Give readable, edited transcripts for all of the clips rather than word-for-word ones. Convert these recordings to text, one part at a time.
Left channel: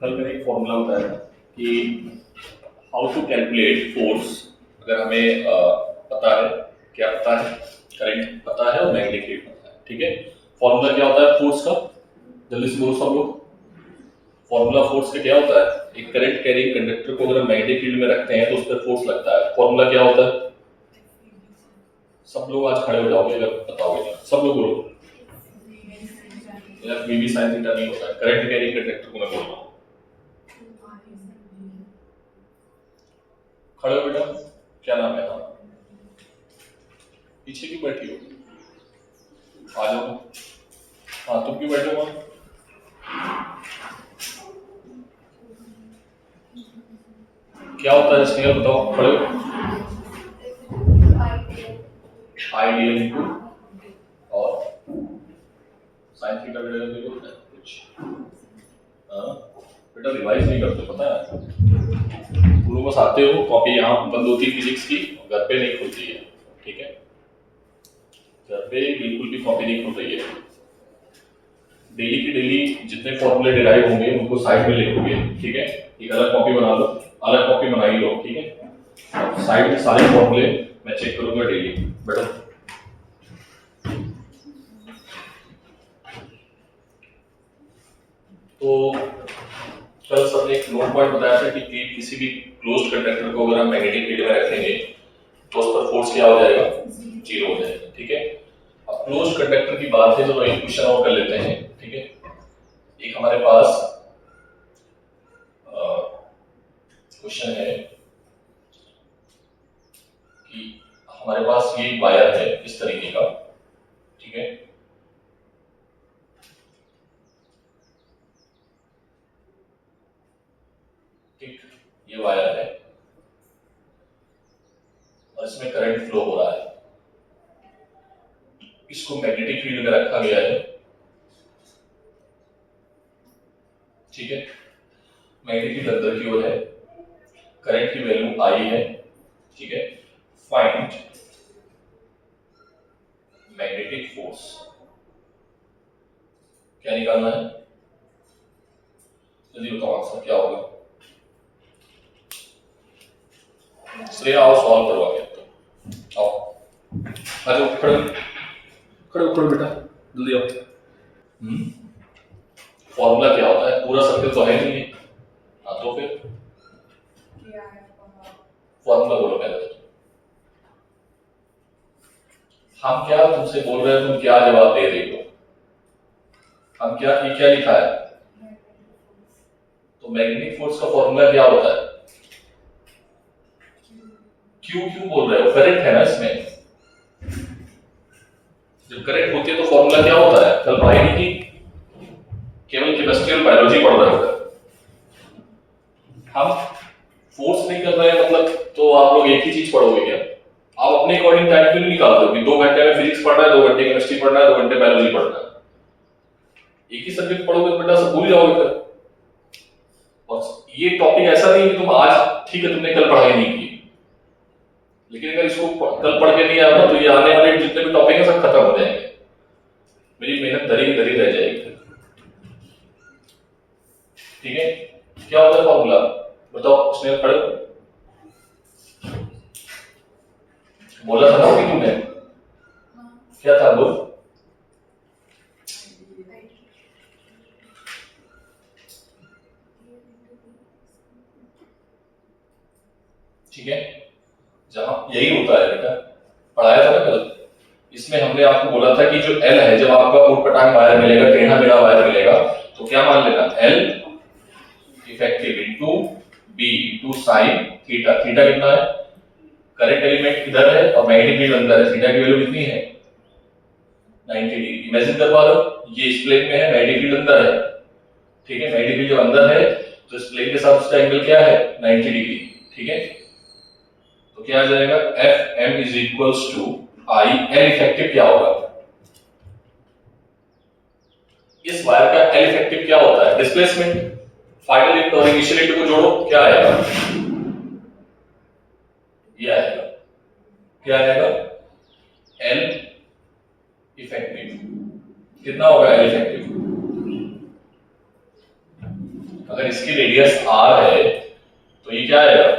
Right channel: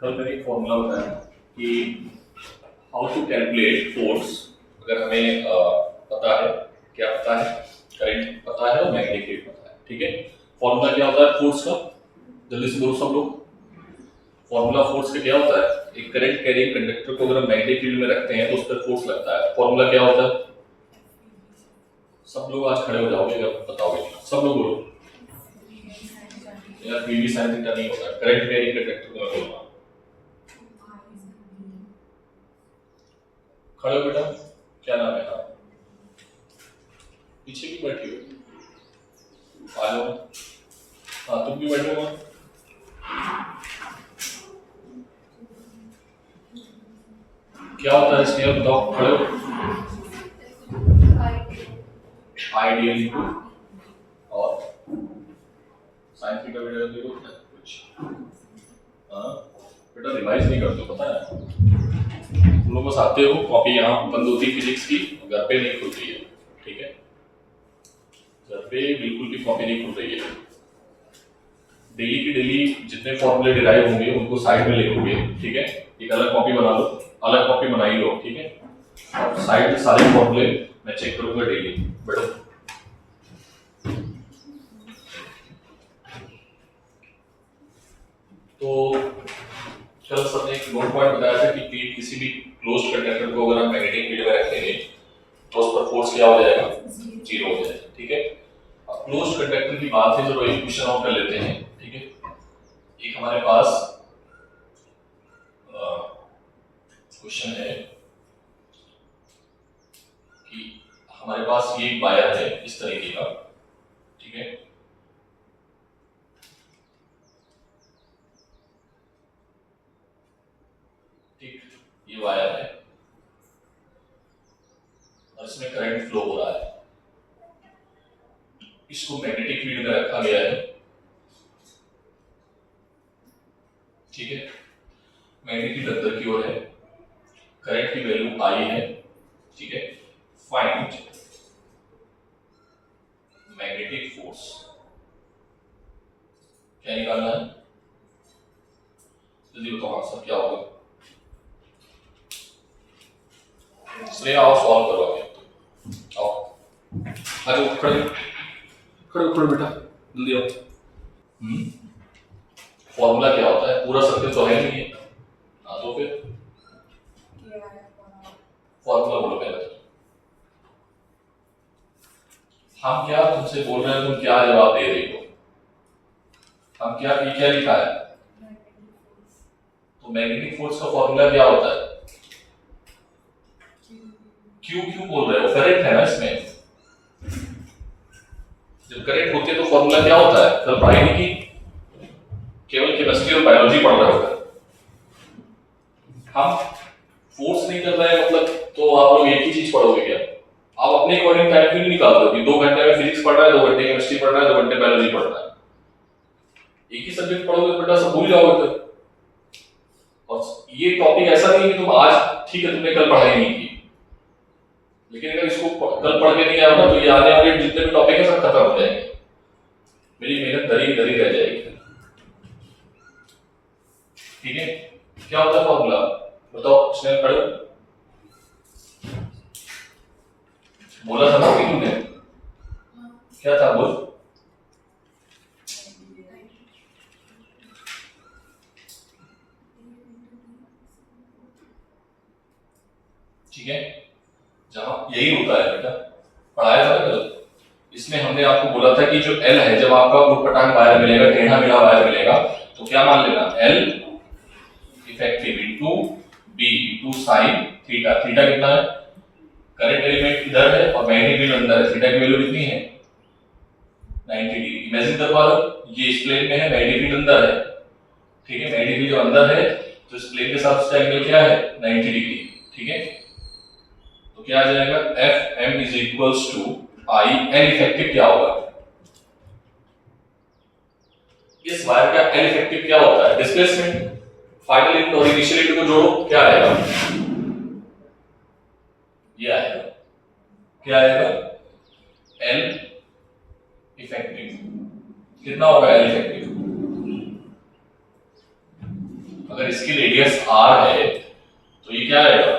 कल मैंने एक फॉर्मूला बताया कि हाउ टू कैलकुलेट फोर्स। अगर हमें पता है, क्या पता है, करंट पता है और मैग्नेटिक फील्ड पता है। ठीक है, फॉर्मूला क्या होता है फोर्स का? जल्दी से बोलो सब लोग। फॉर्मूला फोर्स का क्या होता है? एक करंट कैरिंग कंडक्टर को अगर हम मैग्नेटिक फील्ड में रखते हैं तो उस पर फोर्स लगता है। फॉर्मूला क्या होता है? सब लोग आज खड़े हो जाओगे अगर बताओगे। सब लोग बोलो यार। वीवी साइन थीटा नहीं होता है, करंट कैरिंग कंडक्टर को मैं बोल रहा हूँ। खड़े हो बेटा, क्या नाम है? हाँ, पीछे क्यों बैठी हो? आ जाओ। हाँ, तुम क्यों बैठे हो? क्या होता है इसके, बताओ। खड़े हो। आइडियल इंटू और साइन थीटा बेटा देखो कुछ। हाँ बेटा, रिवाइज नहीं करते पता है तुम लोग। बस आते हो, कॉपी यहाँ बंद होती है फिजिक्स की, घर पे नहीं खुलती है। ठीक है, घर पे बिल्कुल भी कॉपी नहीं खुल रही है। डेली की डेली जितने फॉर्मूले डिराइव होंगे उनको साइड में लिखोगे। ठीक है, एक अलग कॉपी बना लो, अलग कॉपी बना ही लो। ठीक है, और साइड में सारे फॉर्मूले मैं चेक करूंगा डेली। बैठो। तो कल सर ने एक नोट पॉइंट बताया था कि किसी भी क्लोज्ड कंडक्टर को अगर हम मैग्नेटिक फील्ड में रखेंगे तो उस पर फोर्स क्या हो जाएगा? जीरो हो जाएगा। ठीक है, अब क्लोज्ड कंडक्टर की बात है, चलो एक क्वेश्चन और कर लेते हैं। ठीक है, एक हमारे पास क्वेश्चन है कि हमारे पास ये वायर है इस तरीके का। ठीक है, ठीक, ये वायर है और इसमें करंट फ्लो हो रहा है। इसको मैग्नेटिक फील्ड में रखा गया है। ठीक है, मैग्नेटिक फील्ड अंदर की ओर है, करंट की वैल्यू आई है। ठीक है, फाइंड मैग्नेटिक फोर्स। क्या निकालना है? जल्दी बताओ आंसर क्या होगा। श्रेया आओ, सॉल्व करो आगे। तो आओ, आ जाओ, खड़े खड़े खड़े बेटा, जल्दी आओ। फॉर्मूला क्या होता है? पूरा सर्कल तो है नहीं है। हाँ तो फिर फॉर्मूला बोलो पहले तो। हम क्या तुमसे बोल रहे हैं, तुम क्या जवाब दे रही हो? हम क्या, ये क्या लिखा है? तो मैग्नेटिक फोर्स का फॉर्मूला क्या होता है? क्यों क्यों बोल रहे हो? करंट है ना इसमें। जब करंट होती है तो फॉर्मूला क्या होता है? कल पढ़ाई नहीं की? केवल केमिस्ट्री और बायोलॉजी पढ़ रहे हो। हम फोर्स नहीं कर रहे हैं मतलब तो आप लोग एक ही चीज पढ़ोगे क्या? आप अपने अकॉर्डिंग टाइम क्यों नहीं निकालते हो कि 2 घंटे में फिजिक्स पढ़ रहा है, 2 घंटे केमिस्ट्री पढ़ रहा है, 2 घंटे बायोलॉजी पढ़ रहा है? एक ही सब्जेक्ट पढ़ोगे तो बेटा सब भूल जाओगे फिर। और ये टॉपिक ऐसा नहीं कि तुम आज, ठीक है तुमने कल पढ़ाई नहीं की, लेकिन अगर इसको कल पढ़ के नहीं आया ना तो ये आने वाले जितने भी टॉपिक है सब खत्म हो जाएंगे। मेरी मेहनत धरी धरी रह जाएगी। ठीक है, क्या होता है फॉर्मूला बताओ। उसने पढ़ो, बोला था ना कि तुमने, क्या था बोल? ठीक है, जहां यही होता है बेटा, पढ़ाया था ना कल। इसमें हमने आपको बोला था कि जो एल है, जब आपका ऊटपटांग वायर मिलेगा, टेढ़ा मेढ़ा वायर मिलेगा, तो क्या मान लेना? L effective into B into sine theta. Theta कितना है? करंट एलिमेंट इधर है और मैग्नेटिक फील्ड अंदर है। थीटा की वैल्यू कितनी है? 90 डिग्री। इमेजिन कर पा रहे हो? ये इस प्लेन में है, मैग्नेटिक फील्ड अंदर है। ठीक है, मैग्नेटिक फील्ड जब अंदर है तो इस प्लेन के साथ इसका एंगल क्या है? 90 डिग्री। ठीक है, तो क्या आ जाएगा? F M is equals to I L effective. क्या होगा? इस वायर का एल इफेक्टिव क्या होता है? डिस्प्लेसमेंट। फाइनल इंटू और इनिशियल इंटू को जोड़ो, क्या आएगा? ये आएगा, क्या आएगा? L effective. कितना होगा एल इफेक्टिव? अगर इसकी रेडियस r है तो ये क्या आएगा,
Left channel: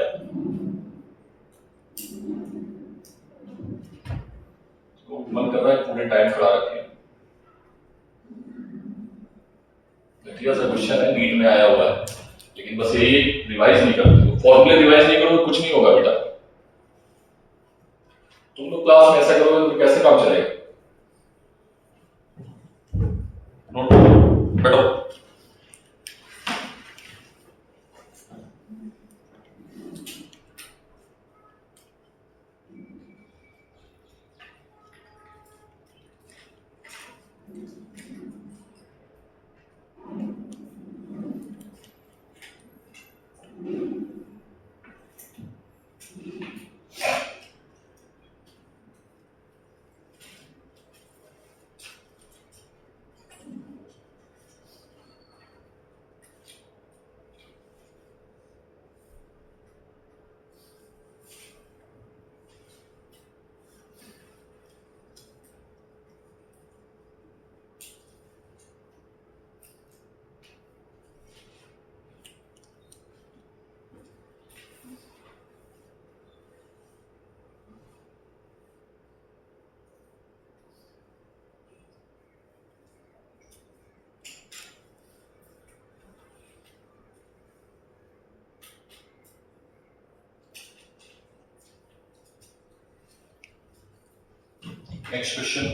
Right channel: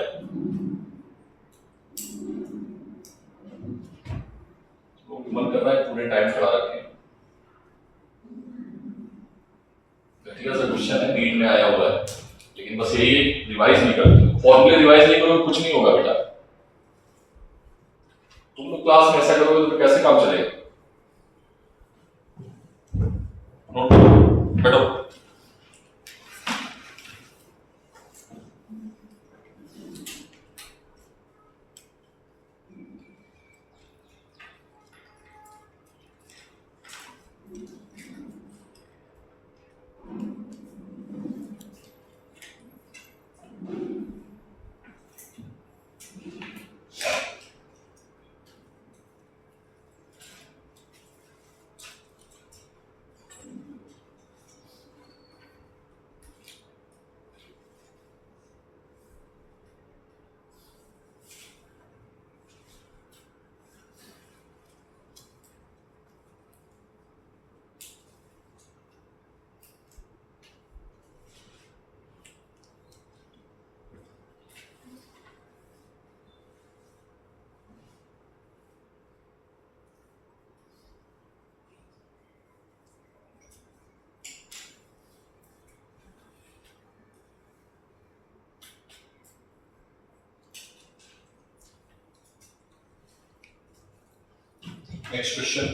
तो मन कर रहा है पूरे टाइम खड़ा रखें। घटिया सा क्वेश्चन है, नीट में आया हुआ है, लेकिन बस यही रिवाइज नहीं करते हो, फॉर्मूले रिवाइज नहीं करोगे कुछ नहीं होगा बेटा। तुम लोग क्लास में ऐसा करोगे तो कैसे काम चलेगा। नोट करो, बैठो। नेक्स्ट क्वेश्चन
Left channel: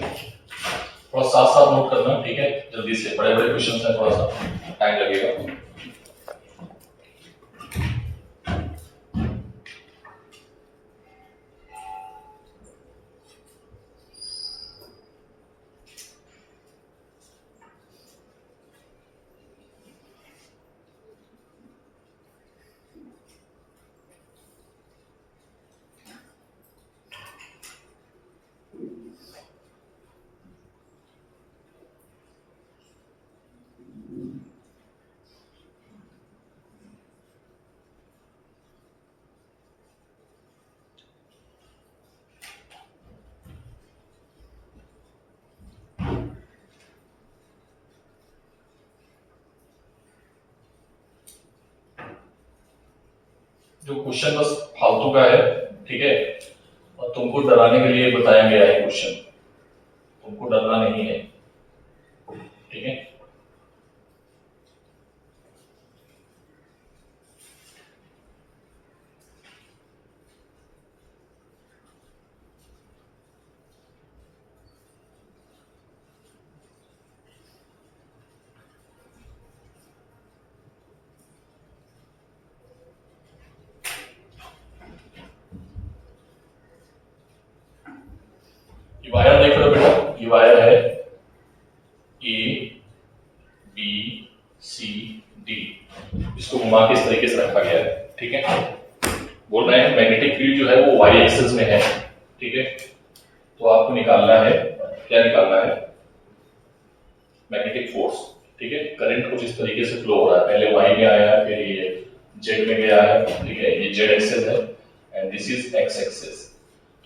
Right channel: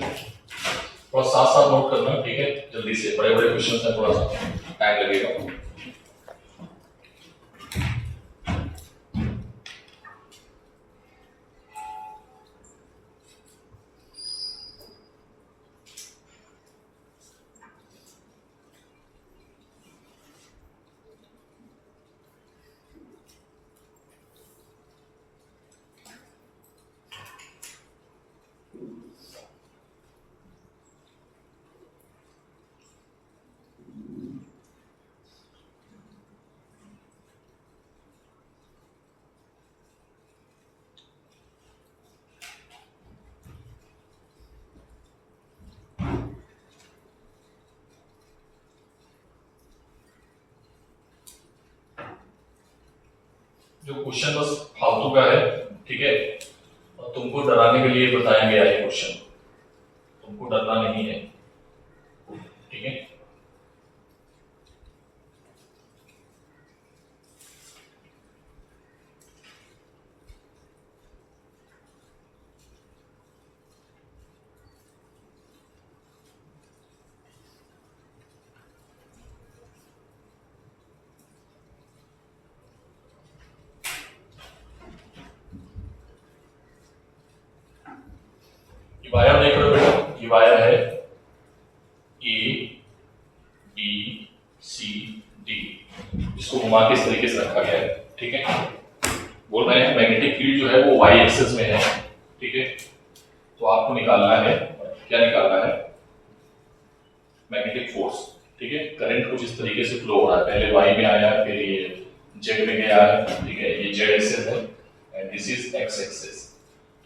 थोड़ा साथ साथ नोट करना, ठीक है, जल्दी से, बड़े बड़े क्वेश्चन हैं, थोड़ा सा टाइम लगेगा। जो क्वेश्चन बस फालतू का है, ठीक है, और तुमको डराने के लिए बताया गया है क्वेश्चन, तुमको डरना नहीं है, ठीक है। वायर देख रहे हो बेटा, ये वायर है ए बी सी डी, इसको घुमा के इस तरीके से रखा गया है, ठीक है। बोल रहे हैं मैग्नेटिक फील्ड जो है वो वाई एक्सिस में है, ठीक है। तो आपको निकालना है, क्या निकालना है, मैग्नेटिक फोर्स, ठीक है। करंट कुछ इस तरीके से फ्लो हो रहा है, पहले वाई में आया है, फिर ये जेड में गया है, ठीक है, ये जेड एक्सिस है and this is x axis.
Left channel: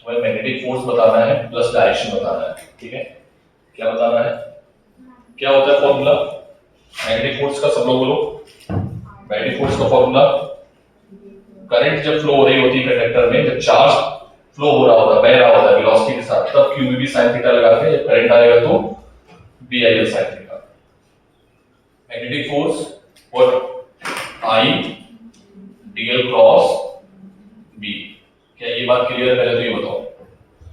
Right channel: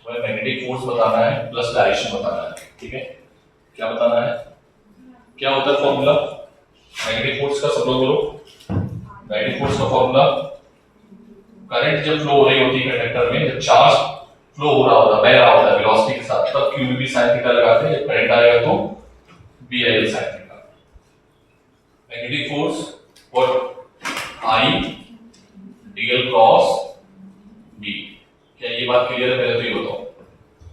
तुम्हें मैग्नेटिक फोर्स बताना है प्लस डायरेक्शन बताना है, ठीक है। क्या बताना है, क्या होता है फॉर्मूला मैग्नेटिक फोर्स का, सब लोग बोलो। मैग्नेटिक फोर्स का फॉर्मूला, करंट जब फ्लो हो रही होती है कंडक्टर में, जब चार्ज फ्लो हो रहा होता है, बह रहा होता है वेलोसिटी के साथ, तब q भी sin थीटा लगाते हैं, जब करंट आएगा तो BIL sin theta. Magnetic force what I dl cross B। क्या ये बात क्लियर है, पहले तो ये बताओ,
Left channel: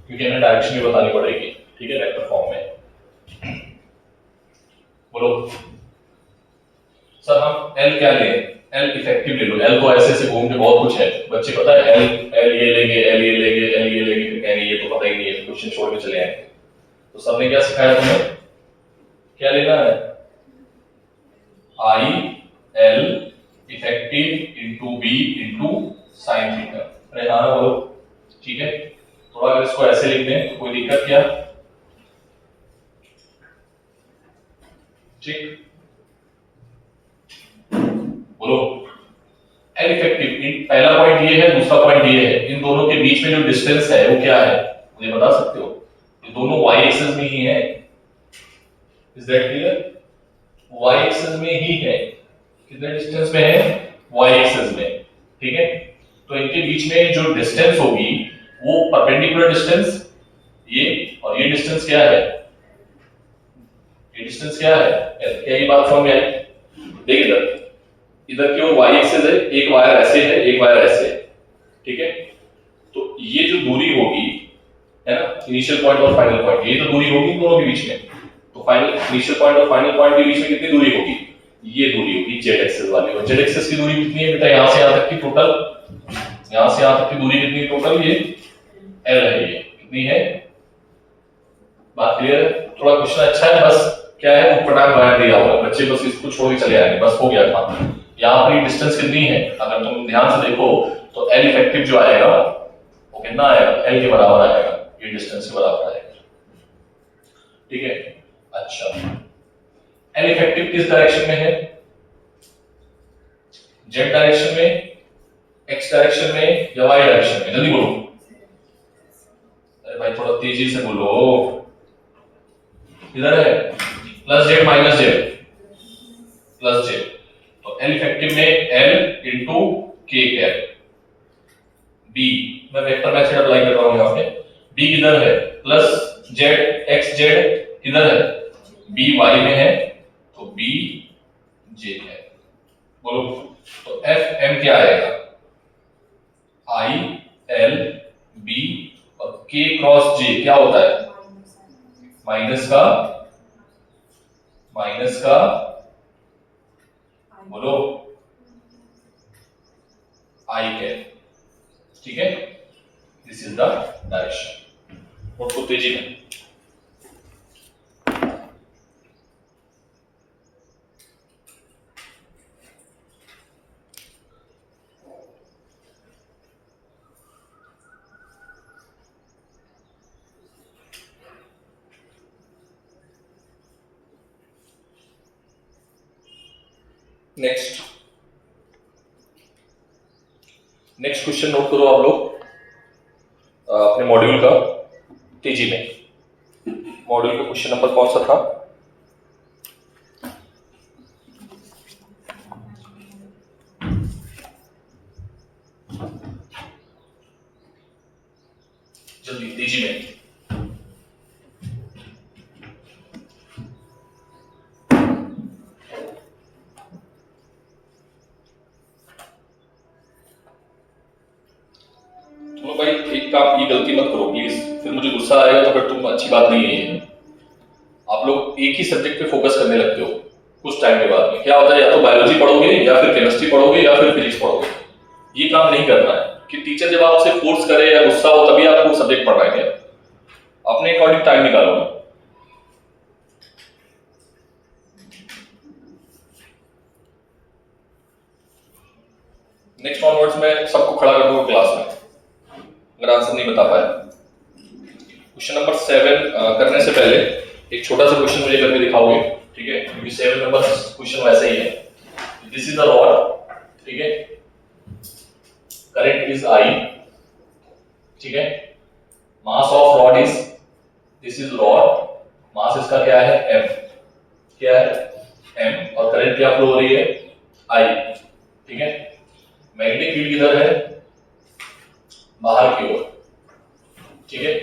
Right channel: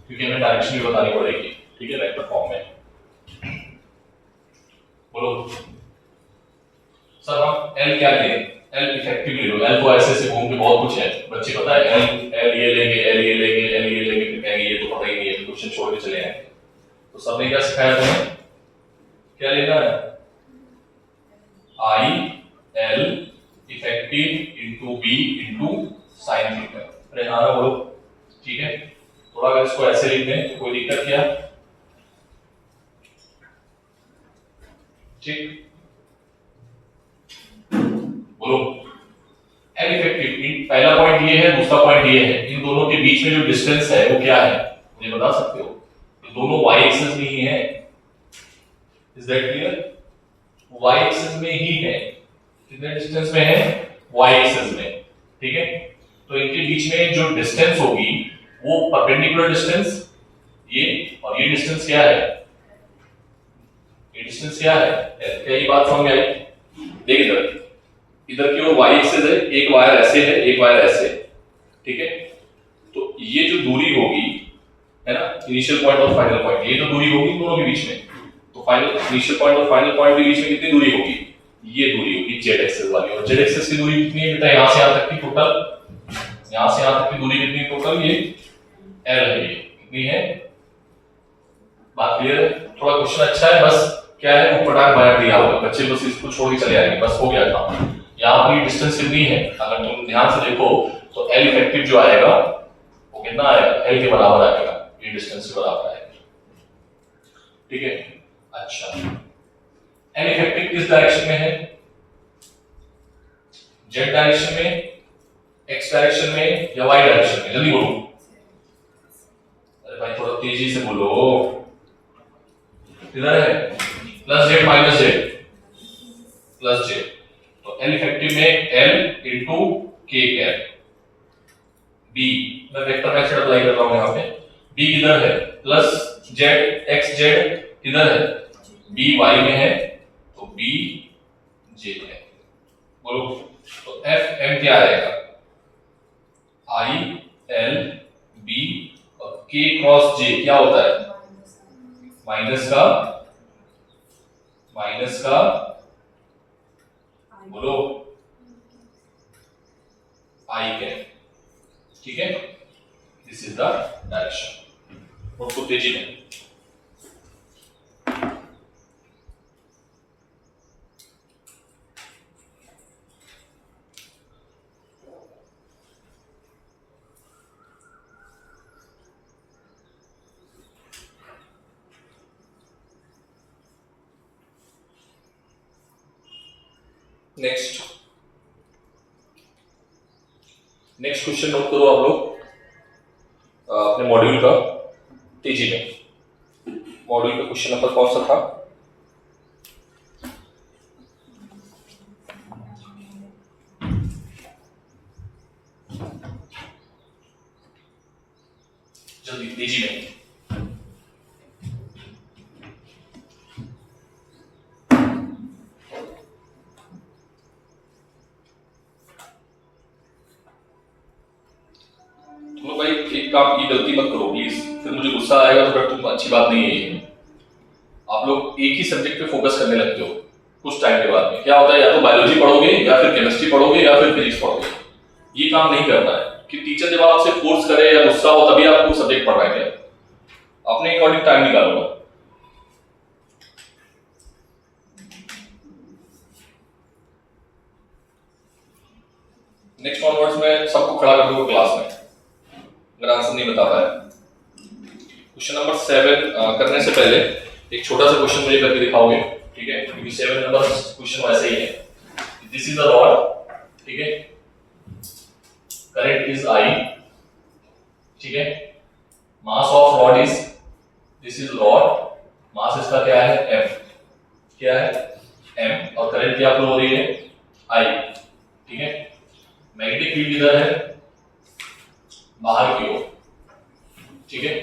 क्योंकि हमें डायरेक्शन भी बतानी पड़ेगी, ठीक है, वेक्टर फॉर्म में। बोलो सर हम L क्या लें, L इफेक्टिव ले लो, L तो ऐसे ऐसे घूम के बहुत कुछ है, बच्चे पता है L ये लेंगे, L ये लेंगे, L ये लेंगे, फिर कहेंगे ये तो पता ही नहीं है, क्वेश्चन छोड़ के चले आएंगे। तो सर ने क्या सिखाया तुम्हें, क्या लेना है, I L effective into B into sine theta. अरे हाँ ना बोलो, ठीक है। थोड़ा अगर इसको ऐसे लिख दें तो कोई दिक्कत क्या, ठीक, बोलो। एल इफेक्टिव, पहला पॉइंट ये है, दूसरा पॉइंट ये है, इन दोनों के बीच में जो डिस्टेंस है वो क्या है, मुझे बता सकते हो। ये दोनों y एक्सिस में ही है, is that clear, y axis में ही है, कितने डिस्टेंस में है, y एक्सिस में, ठीक है। तो इनके बीच में जो डिस्टेंस होगी वो परपेंडिकुलर डिस्टेंस, ये और ये डिस्टेंस क्या है, ये डिस्टेंस क्या है, क्या ये बात समझ में आई? देख इधर की ओर y एक्सिस है, एक वायर ऐसे है, एक वायर ऐसे है, ठीक है। तो ये जो दूरी होगी, है ना, इनिशियल पॉइंट और फाइनल पॉइंट, ये तो दूरी होगी इन दोनों के बीच में। तो फाइनल इनिशियल पॉइंट और फाइनल पॉइंट के बीच में कितनी दूरी होगी, ये दूरी होगी z एक्सिस वाली। और z एक्सिस की दूरी कितनी है बेटा, यहां से यहां तक की टोटल, यहां से यहां तक की दूरी कितनी टोटल, ये l है, ये कितनी है, बात क्लियर है? थोड़ा क्वेश्चन अच्छा है, बस क्या है, ऊटपटांग वायर दिया होगा, बच्चे बस इसको छोड़ के चले आएंगे, बस हो गया था। यहाँ पर डिस्टेंस कितनी है, अगर तुम ध्यान से देखो तो l इफेक्टिव जो आएगा वो कितना आएगा, l के बराबर आएगा, ये डिस्टेंस के बराबर आएगा, ठीक है। अच्छा, l इफेक्टिव किस डायरेक्शन में है, z डायरेक्शन में, x डायरेक्शन में या y डायरेक्शन में, जल्दी बोलो, अरे भाई थोड़ा तेजी से बोलो, इधर है plus z minus z, plus z, तो l इफेक्टिव में l into k cap, b मैं वेक्टर मैथड अप्लाई कर रहा हूं यहां पे, b किधर है, प्लस z x z किधर है, b y में है, तो b j है, बोलो। तो f m क्या आएगा, i l b और k क्रॉस j क्या होता है, माइनस का बोलो i कैप, ठीक है। दिस इज द डायरेक्शन, उसको तेजी में। नेक्स्ट क्वेश्चन नोट करो आप लोग अपने मॉड्यूल का, तेजी में। मॉड्यूल का क्वेश्चन नंबर कौन सा था, जल्दी तेजी में। तो भाई एक काम, ये गलती मत करो प्लीज, फिर मुझे गुस्सा आएगा, तो फिर तुम अच्छी बात नहीं है। आप लोग एक ही सब्जेक्ट पे फोकस करने लगते हो कुछ टाइम के बाद में, क्या होता है, या तो बायोलॉजी पढ़ोगे या फिर केमिस्ट्री पढ़ोगे या फिर फिजिक्स पढ़ोगे। ये काम नहीं करना है कि टीचर जब आपसे फोर्स करे या गुस्सा हो तभी आप वो सब्जेक्ट पढ़ रहे हैं, अपने अकॉर्डिंग टाइम निकालो। नेक्स्ट ऑनवर्ड्स में सबको खड़ा कर दूंगा क्लास में अगर आंसर नहीं बता पाए। क्वेश्चन नंबर 7 करने से पहले एक छोटा सा क्वेश्चन मुझे करके दिखाओगे, ठीक है, क्योंकि 7 नंबर क्वेश्चन वैसे ही है। दिस इज द रॉड, ठीक है, करंट इज I, ठीक है, mass of rod is, this is rod, mass इसका क्या है m, क्या है m, और करंट क्या फ्लो हो रही है I, ठीक है। मैग्नेटिक फील्ड किधर है, बाहर की ओर, ठीक है,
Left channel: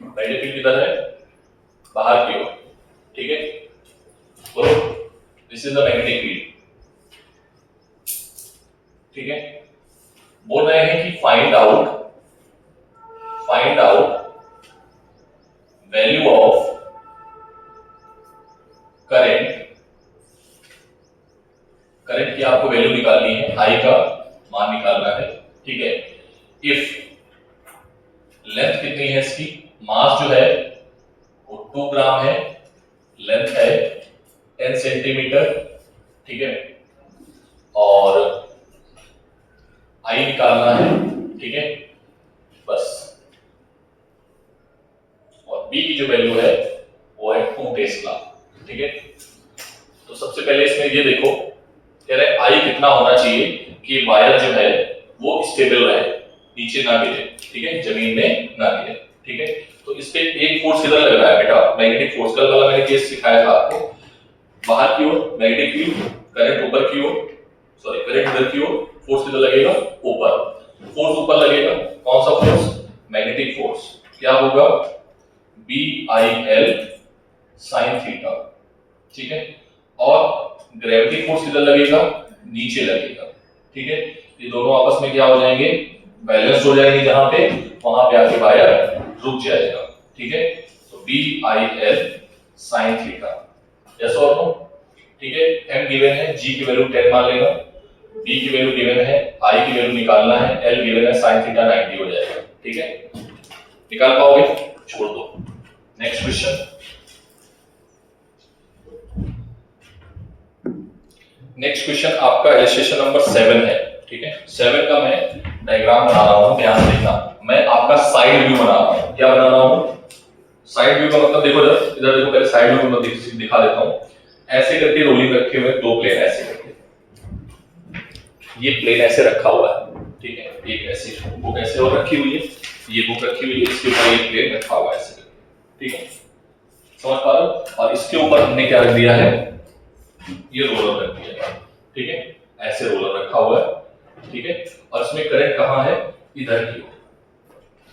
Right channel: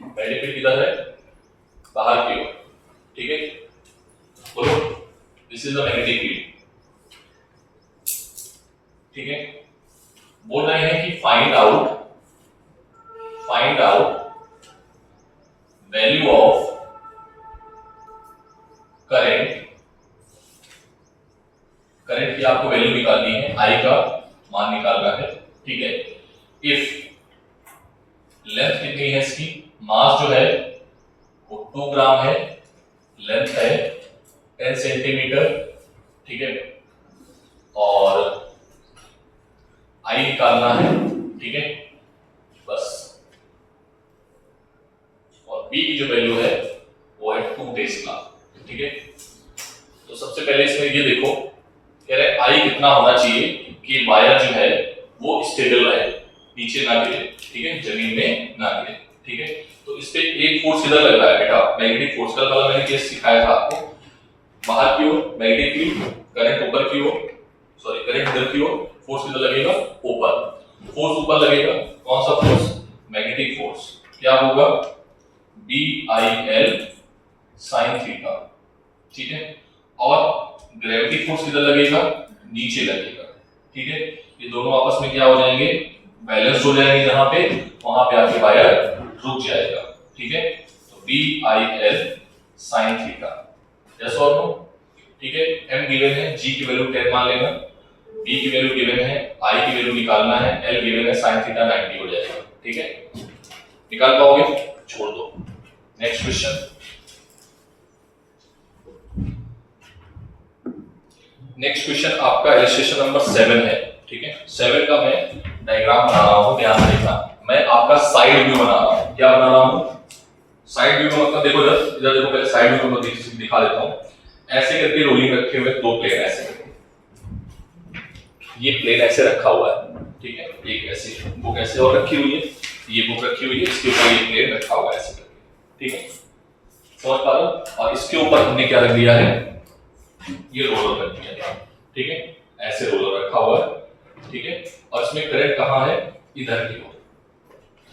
मैग्नेटिक फील्ड किधर है, बाहर की ओर, ठीक है। तो this is the magnetic field, ठीक है। बोल रहे हैं कि find out value of current की आपको वैल्यू निकालनी है, I का मान निकालना है, ठीक है। इफ लेंथ कितनी है इसकी, मास जो है वो 2 ग्राम है, लेंथ है 10 सेंटीमीटर, ठीक है, और I निकालना है, ठीक है, बस। और B की जो वैल्यू है वो है 2 टेस्ला, ठीक है। तो सबसे पहले इसमें ये देखो, कह रहे I कितना होना चाहिए कि वायर जो है वो स्टेबल रहे, नीचे ना गिरे, ठीक है, जमीन में ना गिरे, ठीक है। तो इस पे एक फोर्स किधर लग रहा है बेटा, मैग्नेटिक फोर्स, कल वाला मैंने केस सिखाया था आपको, बाहर की ओर मैग्नेटिक फील्ड, करंट ऊपर की ओर, सॉरी करंट इधर की ओर, फोर्स किधर लगेगा, ऊपर। फोर्स ऊपर लगेगा, कौन सा फोर्स, मैग्नेटिक फोर्स। क्या होगा, BIL sin थीटा, ठीक है। और ग्रेविटी फोर्स किधर लगेगा, नीचे लगेगा, ठीक है। ये दोनों आपस में क्या हो जाएंगे, बैलेंस हो जाएंगे, जहां पे वहां पे आके वायर रुक जाएगा, ठीक है। तो BIL sin थीटा, यस और नो, ठीक है। m गिवन है, g की वैल्यू 10 मान लेना, b की वैल्यू गिवन है, i की वैल्यू निकालना है, l गिवन है sin थीटा 90 हो जाएगा, ठीक है। निकाल पाओगे, छोड़ दो। नेक्स्ट क्वेश्चन, नेक्स्ट क्वेश्चन आपका इलस्ट्रेशन नंबर 7 है, ठीक है। 7 का मैं डायग्राम बना रहा हूं, ध्यान से देखना। मैं आपका साइड व्यू बना रहा हूं। क्या बना रहा हूं, साइड व्यू का मतलब देखो, इधर देखो, पहले साइड व्यू को मैं दिखा देता हूं। ऐसे करके रोलिंग रखे हुए दो प्लेन, ऐसे करके ये प्लेन ऐसे रखा हुआ है, ठीक है। एक ऐसे बुक ऐसे और रखी हुई है, ये बुक रखी हुई है, इसके ऊपर ये प्लेन रखा हुआ है ऐसे करके, ठीक है। समझ पा रहे हो। और इसके ऊपर हमने क्या रख दिया है, ये रोलर रख दिया है, ठीक है। ऐसे रोलर रखा हुआ है, ठीक है। और इसमें करंट कहां है, इधर की ओर,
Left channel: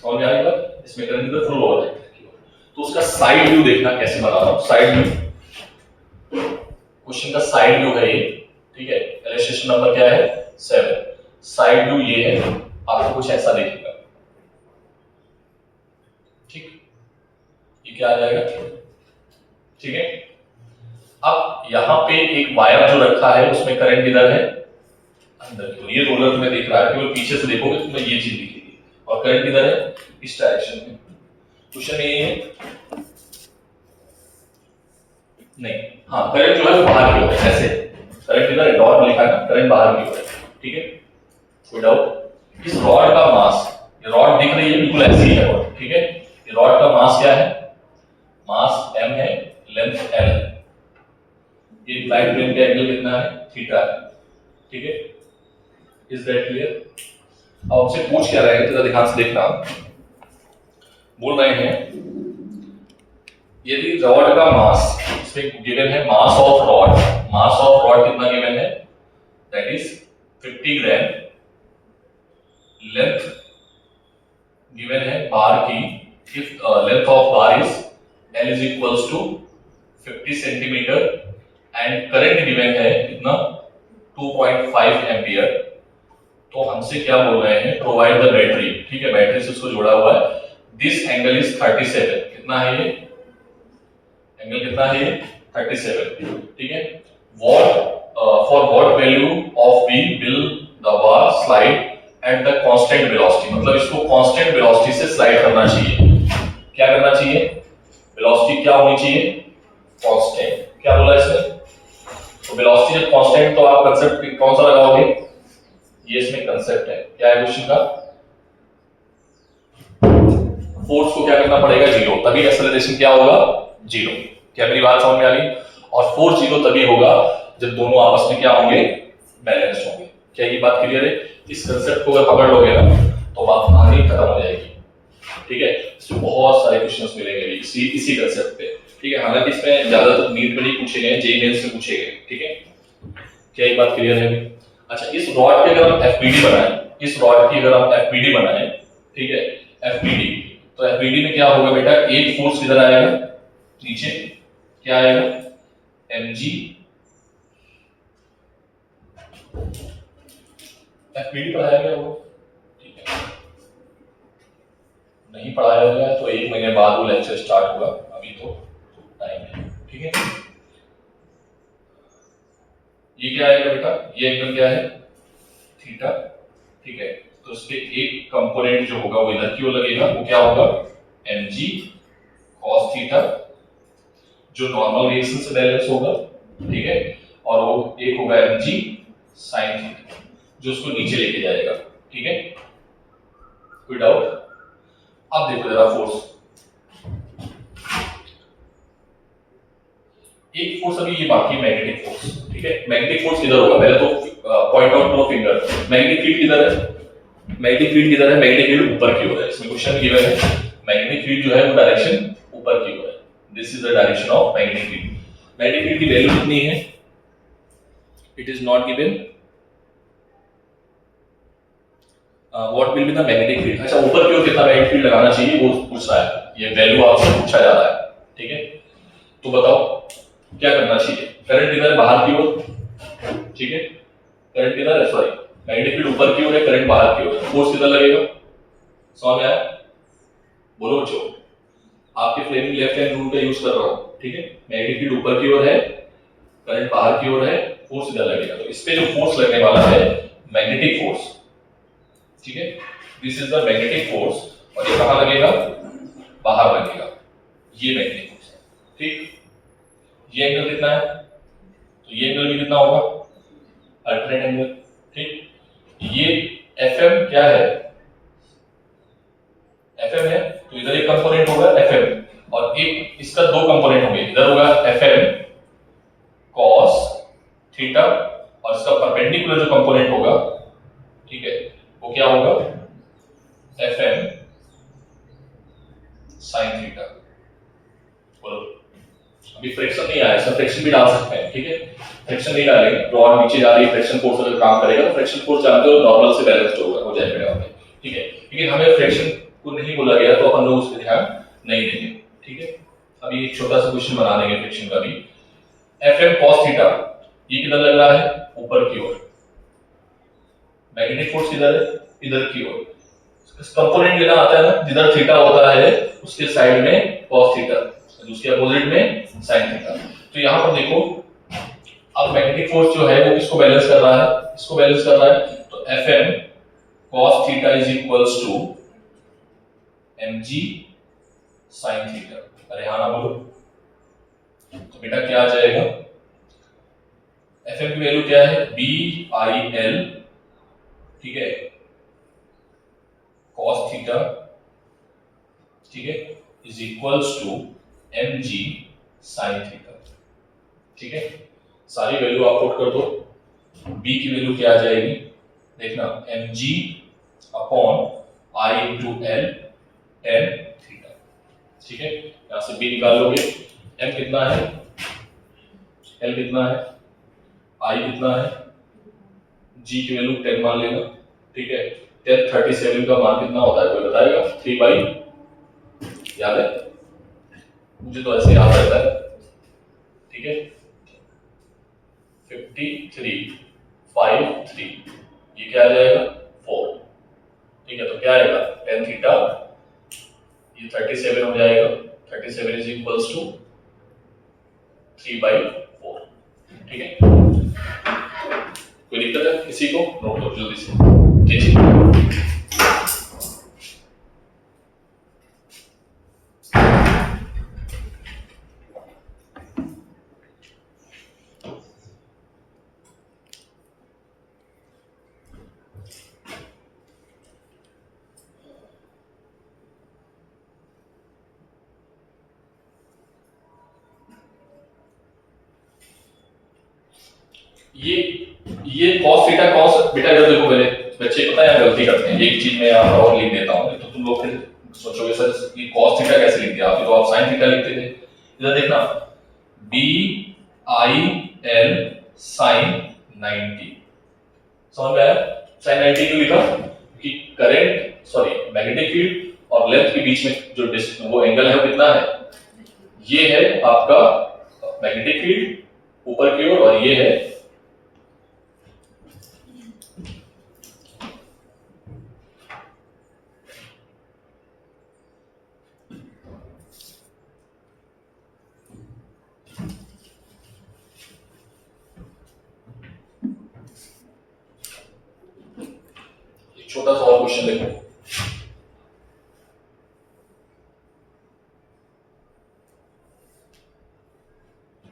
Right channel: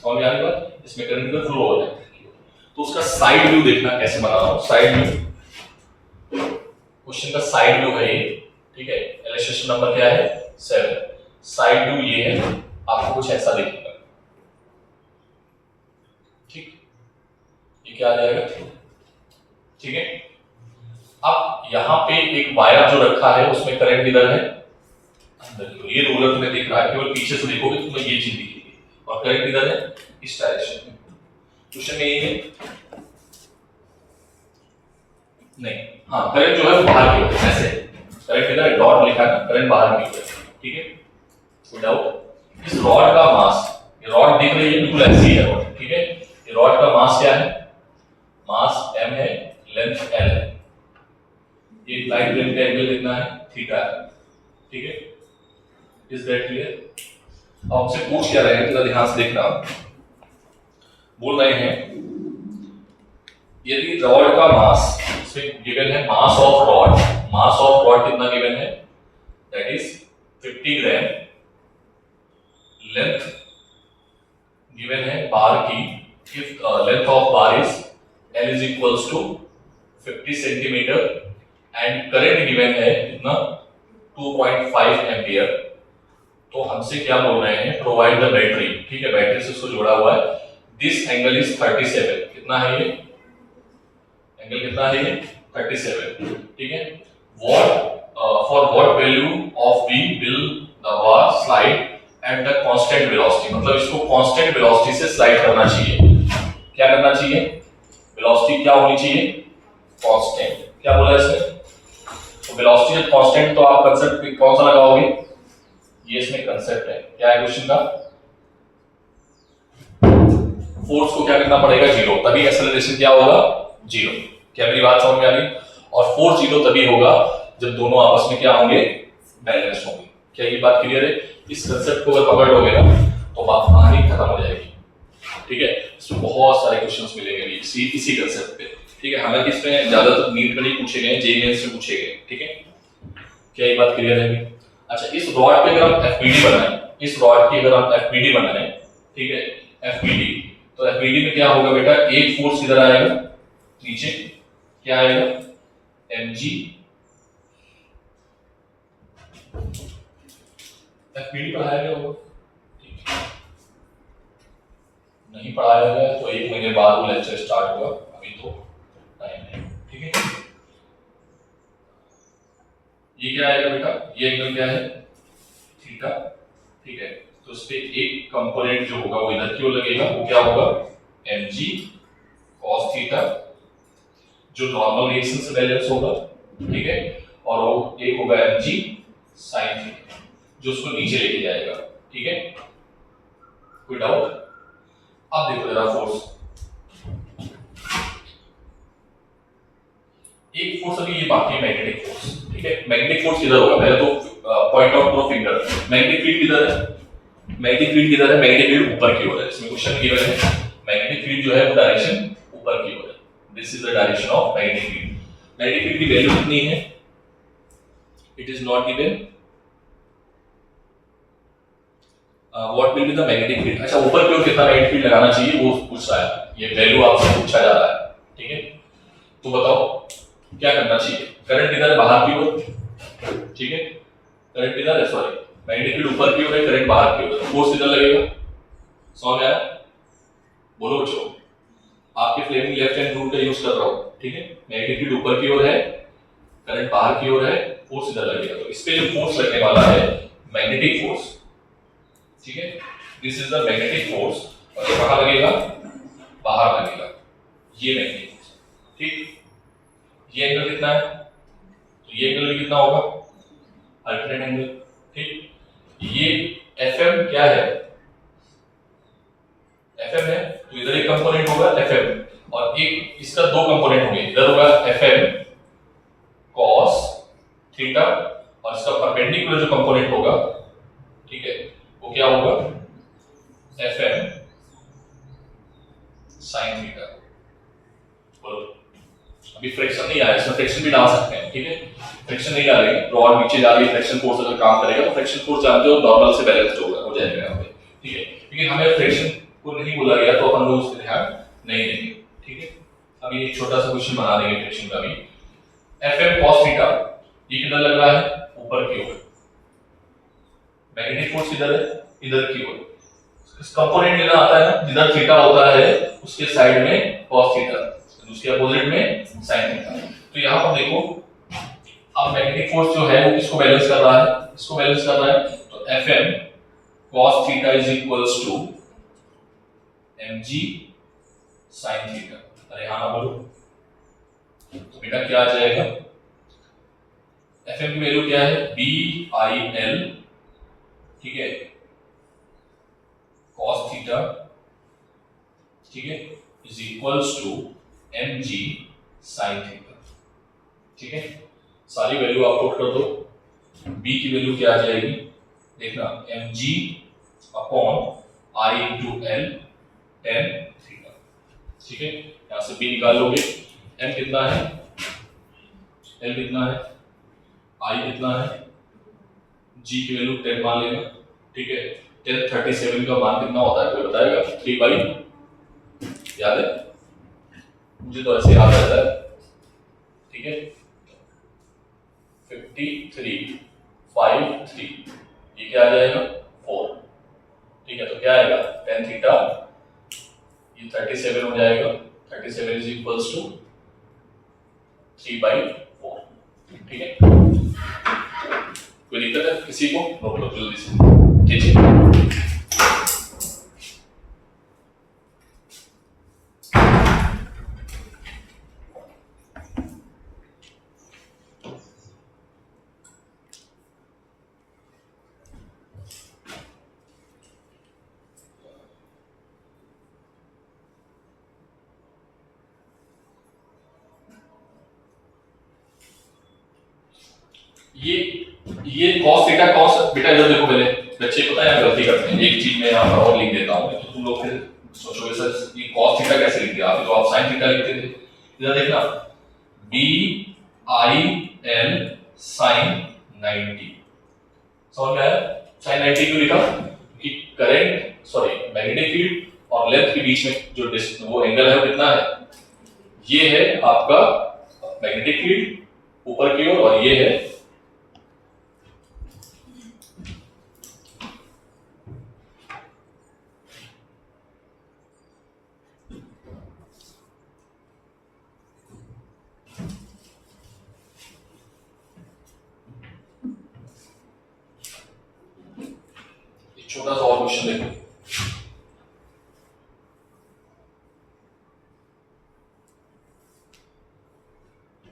समझ में आएगा। इसमें करंट इधर फ्लो हो रहा है इधर की ओर। तो उसका साइड व्यू देखना कैसे बना रहा हूं, साइड व्यू, क्वेश्चन का साइड व्यू है ये, ठीक है। इलस्ट्रेशन नंबर क्या है, 7। साइड व्यू ये है, आपको कुछ ऐसा दिखेगा, ठीक। ये क्या आ जाएगा, ठीक है। अब यहाँ पे एक वायर जो रखा है, उसमें करंट इधर है, अंदर की ओर। ये रोलर तुम्हें दिख रहा है, केवल पीछे से देखोगे तो तुम्हें ये चीज दिखेगी। और करंट इधर है, इस डायरेक्शन में। क्वेश्चन यही है, नहीं, हाँ, करंट जो है वो बाहर की ओर है, ऐसे करंट इधर डॉट लिखा है, करंट बाहर की ओर है, ठीक है। कोई डाउट। इस रॉड का मास, ये रॉड दिख रही है बिल्कुल ऐसी है रॉड, ठीक है। ये रॉड का मास क्या है, मास m है, लेंथ l है। ये लाइट प्लेन का एंगल कितना है, थीटा है, ठीक है। Is that clear. अब आपसे पूछ क्या रहे हैं, जरा ध्यान से देखना। बोल रहे हैं यदि रॉड का मास, इसमें गिवन है mass of rod, mass of rod कितना गिवन है, that is 50 gram. Length given है बार की, if length of bar is L is equals to 50 centimetre and current given है कितना, 2.5 एम्पियर। तो हमसे क्या बोल रहे हैं, प्रोवाइड द बैटरी, ठीक है। बैटरी से उसको जोड़ा हुआ है। दिस एंगल इज 37, कितना है ये एंगल, कितना है ये 37, ठीक है। What for what value of V will the bar slide at the constant velocity, मतलब इसको कांस्टेंट वेलोसिटी से स्लाइड करना चाहिए। क्या करना चाहिए, वेलोसिटी क्या होनी चाहिए, कांस्टेंट। क्या बोला इसमें, तो वेलोसिटी जब कांस्टेंट, तो आप कांसेप्ट कौन सा लगाओगे, ये इसमें कांसेप्ट है। क्या है क्वेश्चन का, फोर्स को क्या करना पड़ेगा, जीरो, तभी एक्सेलरेशन क्या होगा, जीरो। क्या मेरी बात समझ में आ रही। और फोर्स जीरो तभी होगा जब दोनों आपस में क्या होंगे, बैलेंस होंगे। क्या ये बात क्लियर है। इस कांसेप्ट को अगर पकड़ लोगे ना तो बात कहानी खत्म हो जाएगी, ठीक है। इसमें बहुत सारे क्वेश्चंस मिलेंगे इसी कांसेप्ट पे, ठीक है। हालांकि इसमें ज्यादातर नीट में नहीं पूछे गए, जेईई मेंस में पूछे गए, ठीक है। क्या ये बात क्लियर है। अच्छा, इस रॉड की अगर हम एफबीडी बनाएं, इस रॉड की अगर हम एफबीडी बनाएं, ठीक है, एफबीडी, तो एफबीडी में क्या होगा बेटा, एक फोर्स इधर आएगा नीचे, क्या आएगा, mg। एफबीडी पढ़ाया गया होगा, ठीक है। नहीं पढ़ाया गया तो 1 महीने बाद वो लेक्चर स्टार्ट होगा, अभी तो टाइम है, ठीक है। ये क्या आएगा बेटा, ये एंगल क्या है, थीटा, ठीक है। तो उसके एक कंपोनेंट जो होगा वो इधर की ओर लगेगा, वो क्या होगा, mg cos थीटा, जो नॉर्मल रिएक्शन से बैलेंस होगा, ठीक है। और वो एक होगा mg sin थीटा, जो उसको नीचे लेके जाएगा, ठीक है। कोई डाउट। अब देखो जरा फोर्स, एक फोर्स अभी ये बाकी मैग्नेटिक फोर्स, ठीक है। मैग्नेटिक फोर्स किधर होगा, पहले तो पॉइंट आउट करो फिंगर, मैग्नेटिक फील्ड किधर है, मैग्नेटिक फील्ड किधर है, मैग्नेटिक फील्ड ऊपर की ओर है। इसमें क्वेश्चन गिवन है मैग्नेटिक फील्ड जो है वो डायरेक्शन ऊपर की ओर है, this is the direction of magnetic field. Magnetic field की वैल्यू कितनी है, It is not given. What will be the magnetic field? अच्छा, ऊपर की ओर कितना magnetic field लगाना चाहिए वो पूछ रहा है, ये वैल्यू आपसे पूछा जा रहा है, ठीक है। तो बताओ क्या करना चाहिए। करंट इधर है बाहर की ओर, ठीक है, करंट इधर है, सॉरी मैग्नेटिक फील्ड ऊपर की ओर है, करंट बाहर की ओर है, फोर्स इधर लगेगा। समझ में आया? बोलो बच्चों, आपके फ्लेमिंग लेफ्ट हैंड रूल का यूज कर रहा हूं, ठीक है। मैग्नेटिक फील्ड ऊपर की ओर है, करंट बाहर की ओर है, फोर्स इधर लगेगा। तो इस पे जो फोर्स लगने वाला है मैग्नेटिक फोर्स, ठीक है, this is the magnetic force, और ये कहां लगेगा? बाहर लगेगा, ये मैग्नेटिक फोर्स है, ठीक। ये एंगल कितना है? तो ये एंगल भी कितना होगा? अल्टरनेट एंगल, ठीक। ये एफएम क्या है? एफएम है, तो इधर एक कंपोनेंट होगा एफएम, और एक इसका दो कंपोनेंट होंगे, इधर होगा एफएम cos थीटा, और इसका परपेंडिकुलर जो कंपोनेंट होगा, ठीक है, वो क्या होगा? FM sin theta. बोलो, अभी फ्रिक्शन नहीं आया, इसमें फ्रिक्शन भी डाल सकते हैं, ठीक है। फ्रिक्शन नहीं डालेंगे, रॉड नीचे जा रही है, फ्रिक्शन फोर्स अगर काम करेगा तो फ्रिक्शन फोर्स जानते हो नॉर्मल से बैलेंस्ड होगा, हो जाएगा यहाँ पे, ठीक है। लेकिन हमें फ्रिक्शन को नहीं बोला गया तो अपन लोग उस पर ध्यान नहीं देंगे, ठीक है। अभी एक छोटा सा क्वेश्चन बना देंगे फ्रिक्शन का भी। एफएम cos थीटा, ये किधर लग रहा है? ऊपर की ओर। मैग्नेटिक फोर्स इधर है, इधर की ओर। कंपोनेंट लेना आता है ना, जिधर थीटा होता है उसके साइड में cos थीटा, उसके अपोजिट में sin थीटा। तो यहां पर देखो, अब मैग्नेटिक फोर्स जो है वो किसको बैलेंस कर रहा है? इसको बैलेंस कर रहा है। तो Fm cos theta is equals to mg sin theta. अरे हाँ ना बोलो, तो बेटा क्या आ जाएगा? Fm की वैल्यू क्या है? BIL, ठीक है, cos थीटा, ठीक है, is equals to mg sin theta, ठीक है। सारी वैल्यू आप पुट कर दो। b की वैल्यू क्या आ जाएगी? देखना, mg upon I into L tan theta, ठीक है। यहां से b निकाल लोगे, m कितना है, L कितना है, I कितना है, g की वैल्यू 10 मान लेना, ठीक है। 10 37 का मान कितना होता है, कोई बताएगा? 3/, याद है? मुझे तो ऐसे याद रहता है, ठीक है। 53 5 3, ये क्या आ जाएगा? 4, ठीक है। तो क्या आएगा? tan थीटा, ये 37 हो जाएगा, 37 इज इक्वल्स टू 3/4, ठीक है। कोई दिक्कत है किसी को? नोट लो जल्दी से, ठीक है। ये cos थीटा cos, बेटा इधर देखो, पहले बच्चे पता है गलती करते हैं, एक चीज मैं यहाँ पर और लिख देता हूँ, तो तुम लोग फिर सोचोगे सर ये cos थीटा कैसे लिख दिया आपने, तो आप sin थीटा लिखते थे। इधर देखना, BIL sin 90, समझ में आया? sin 90 क्यों लिखा? कि करंट, सॉरी मैग्नेटिक फील्ड और लेंथ के बीच में जो वो एंगल है वो कितना है? ये है आपका मैग्नेटिक फील्ड ऊपर की ओर, और ये है छोटा सा और क्वेश्चन देखो।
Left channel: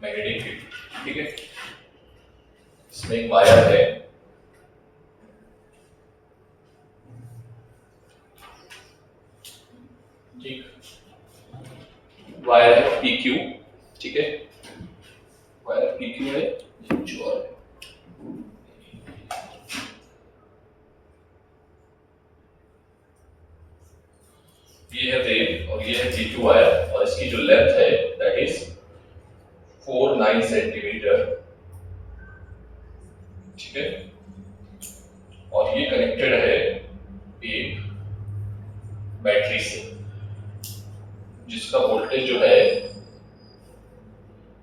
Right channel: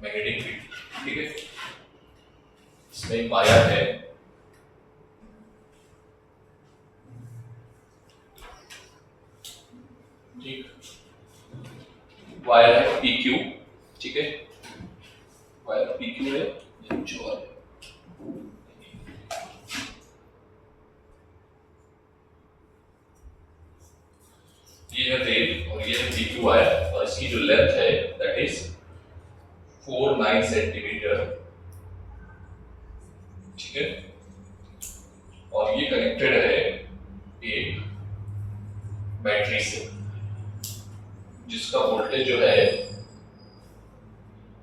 मैग्नेटिक फील्ड, ठीक है, इसमें एक वायर है, ठीक, वायर है PQ, ठीक है, वायर PQ है, जो और ये है रेल और ये है PQ वायर, और इसकी जो लेंथ है दैट इज 49 सेंटीमीटर, और ये कनेक्टेड है एक बैटरी से, जिसका वोल्टेज जो है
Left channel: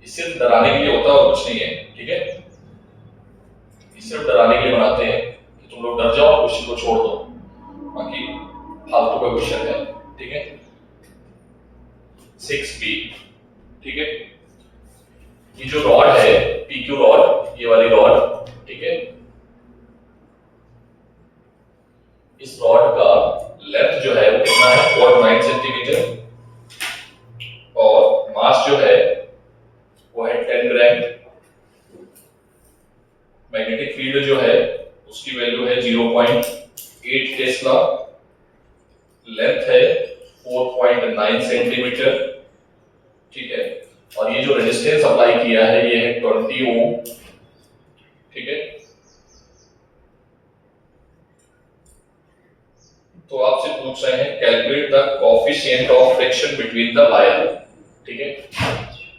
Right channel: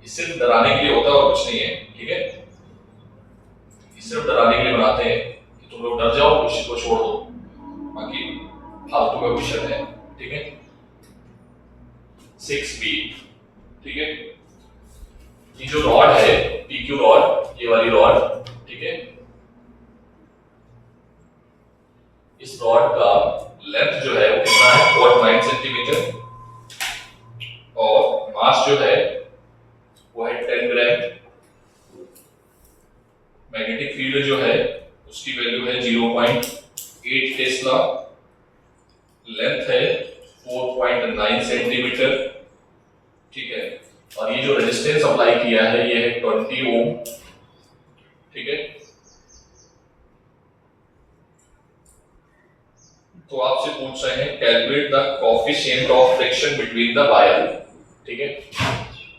ये सिर्फ डराने के लिए होता है और कुछ नहीं है, ठीक है। ये सिर्फ डराने के लिए बनाते हैं कि तुम लोग डर जाओ, क्वेश्चन को छोड़ दो, बाकी फालतू का क्वेश्चन है, ठीक है। 6b, ठीक है। ये जो रॉड है PQ रॉड, ये वाली रॉड, ठीक है, इस रॉड का लेंथ जो है वो कितना है 0.9 सेंटीमीटर और मास जो है वो है 10 ग्राम। मैग्नेटिक फील्ड जो है उसकी वैल्यू है 0.8 टेस्ला, लेंथ है 4.9 सेंटीमीटर, ठीक है। और ये जो रेजिस्टेंस अप्लाई किया है ये है 20 ओम, ठीक है। तो आपसे पूछ रहे हैं calculate the coefficient of friction between the wire, ठीक है,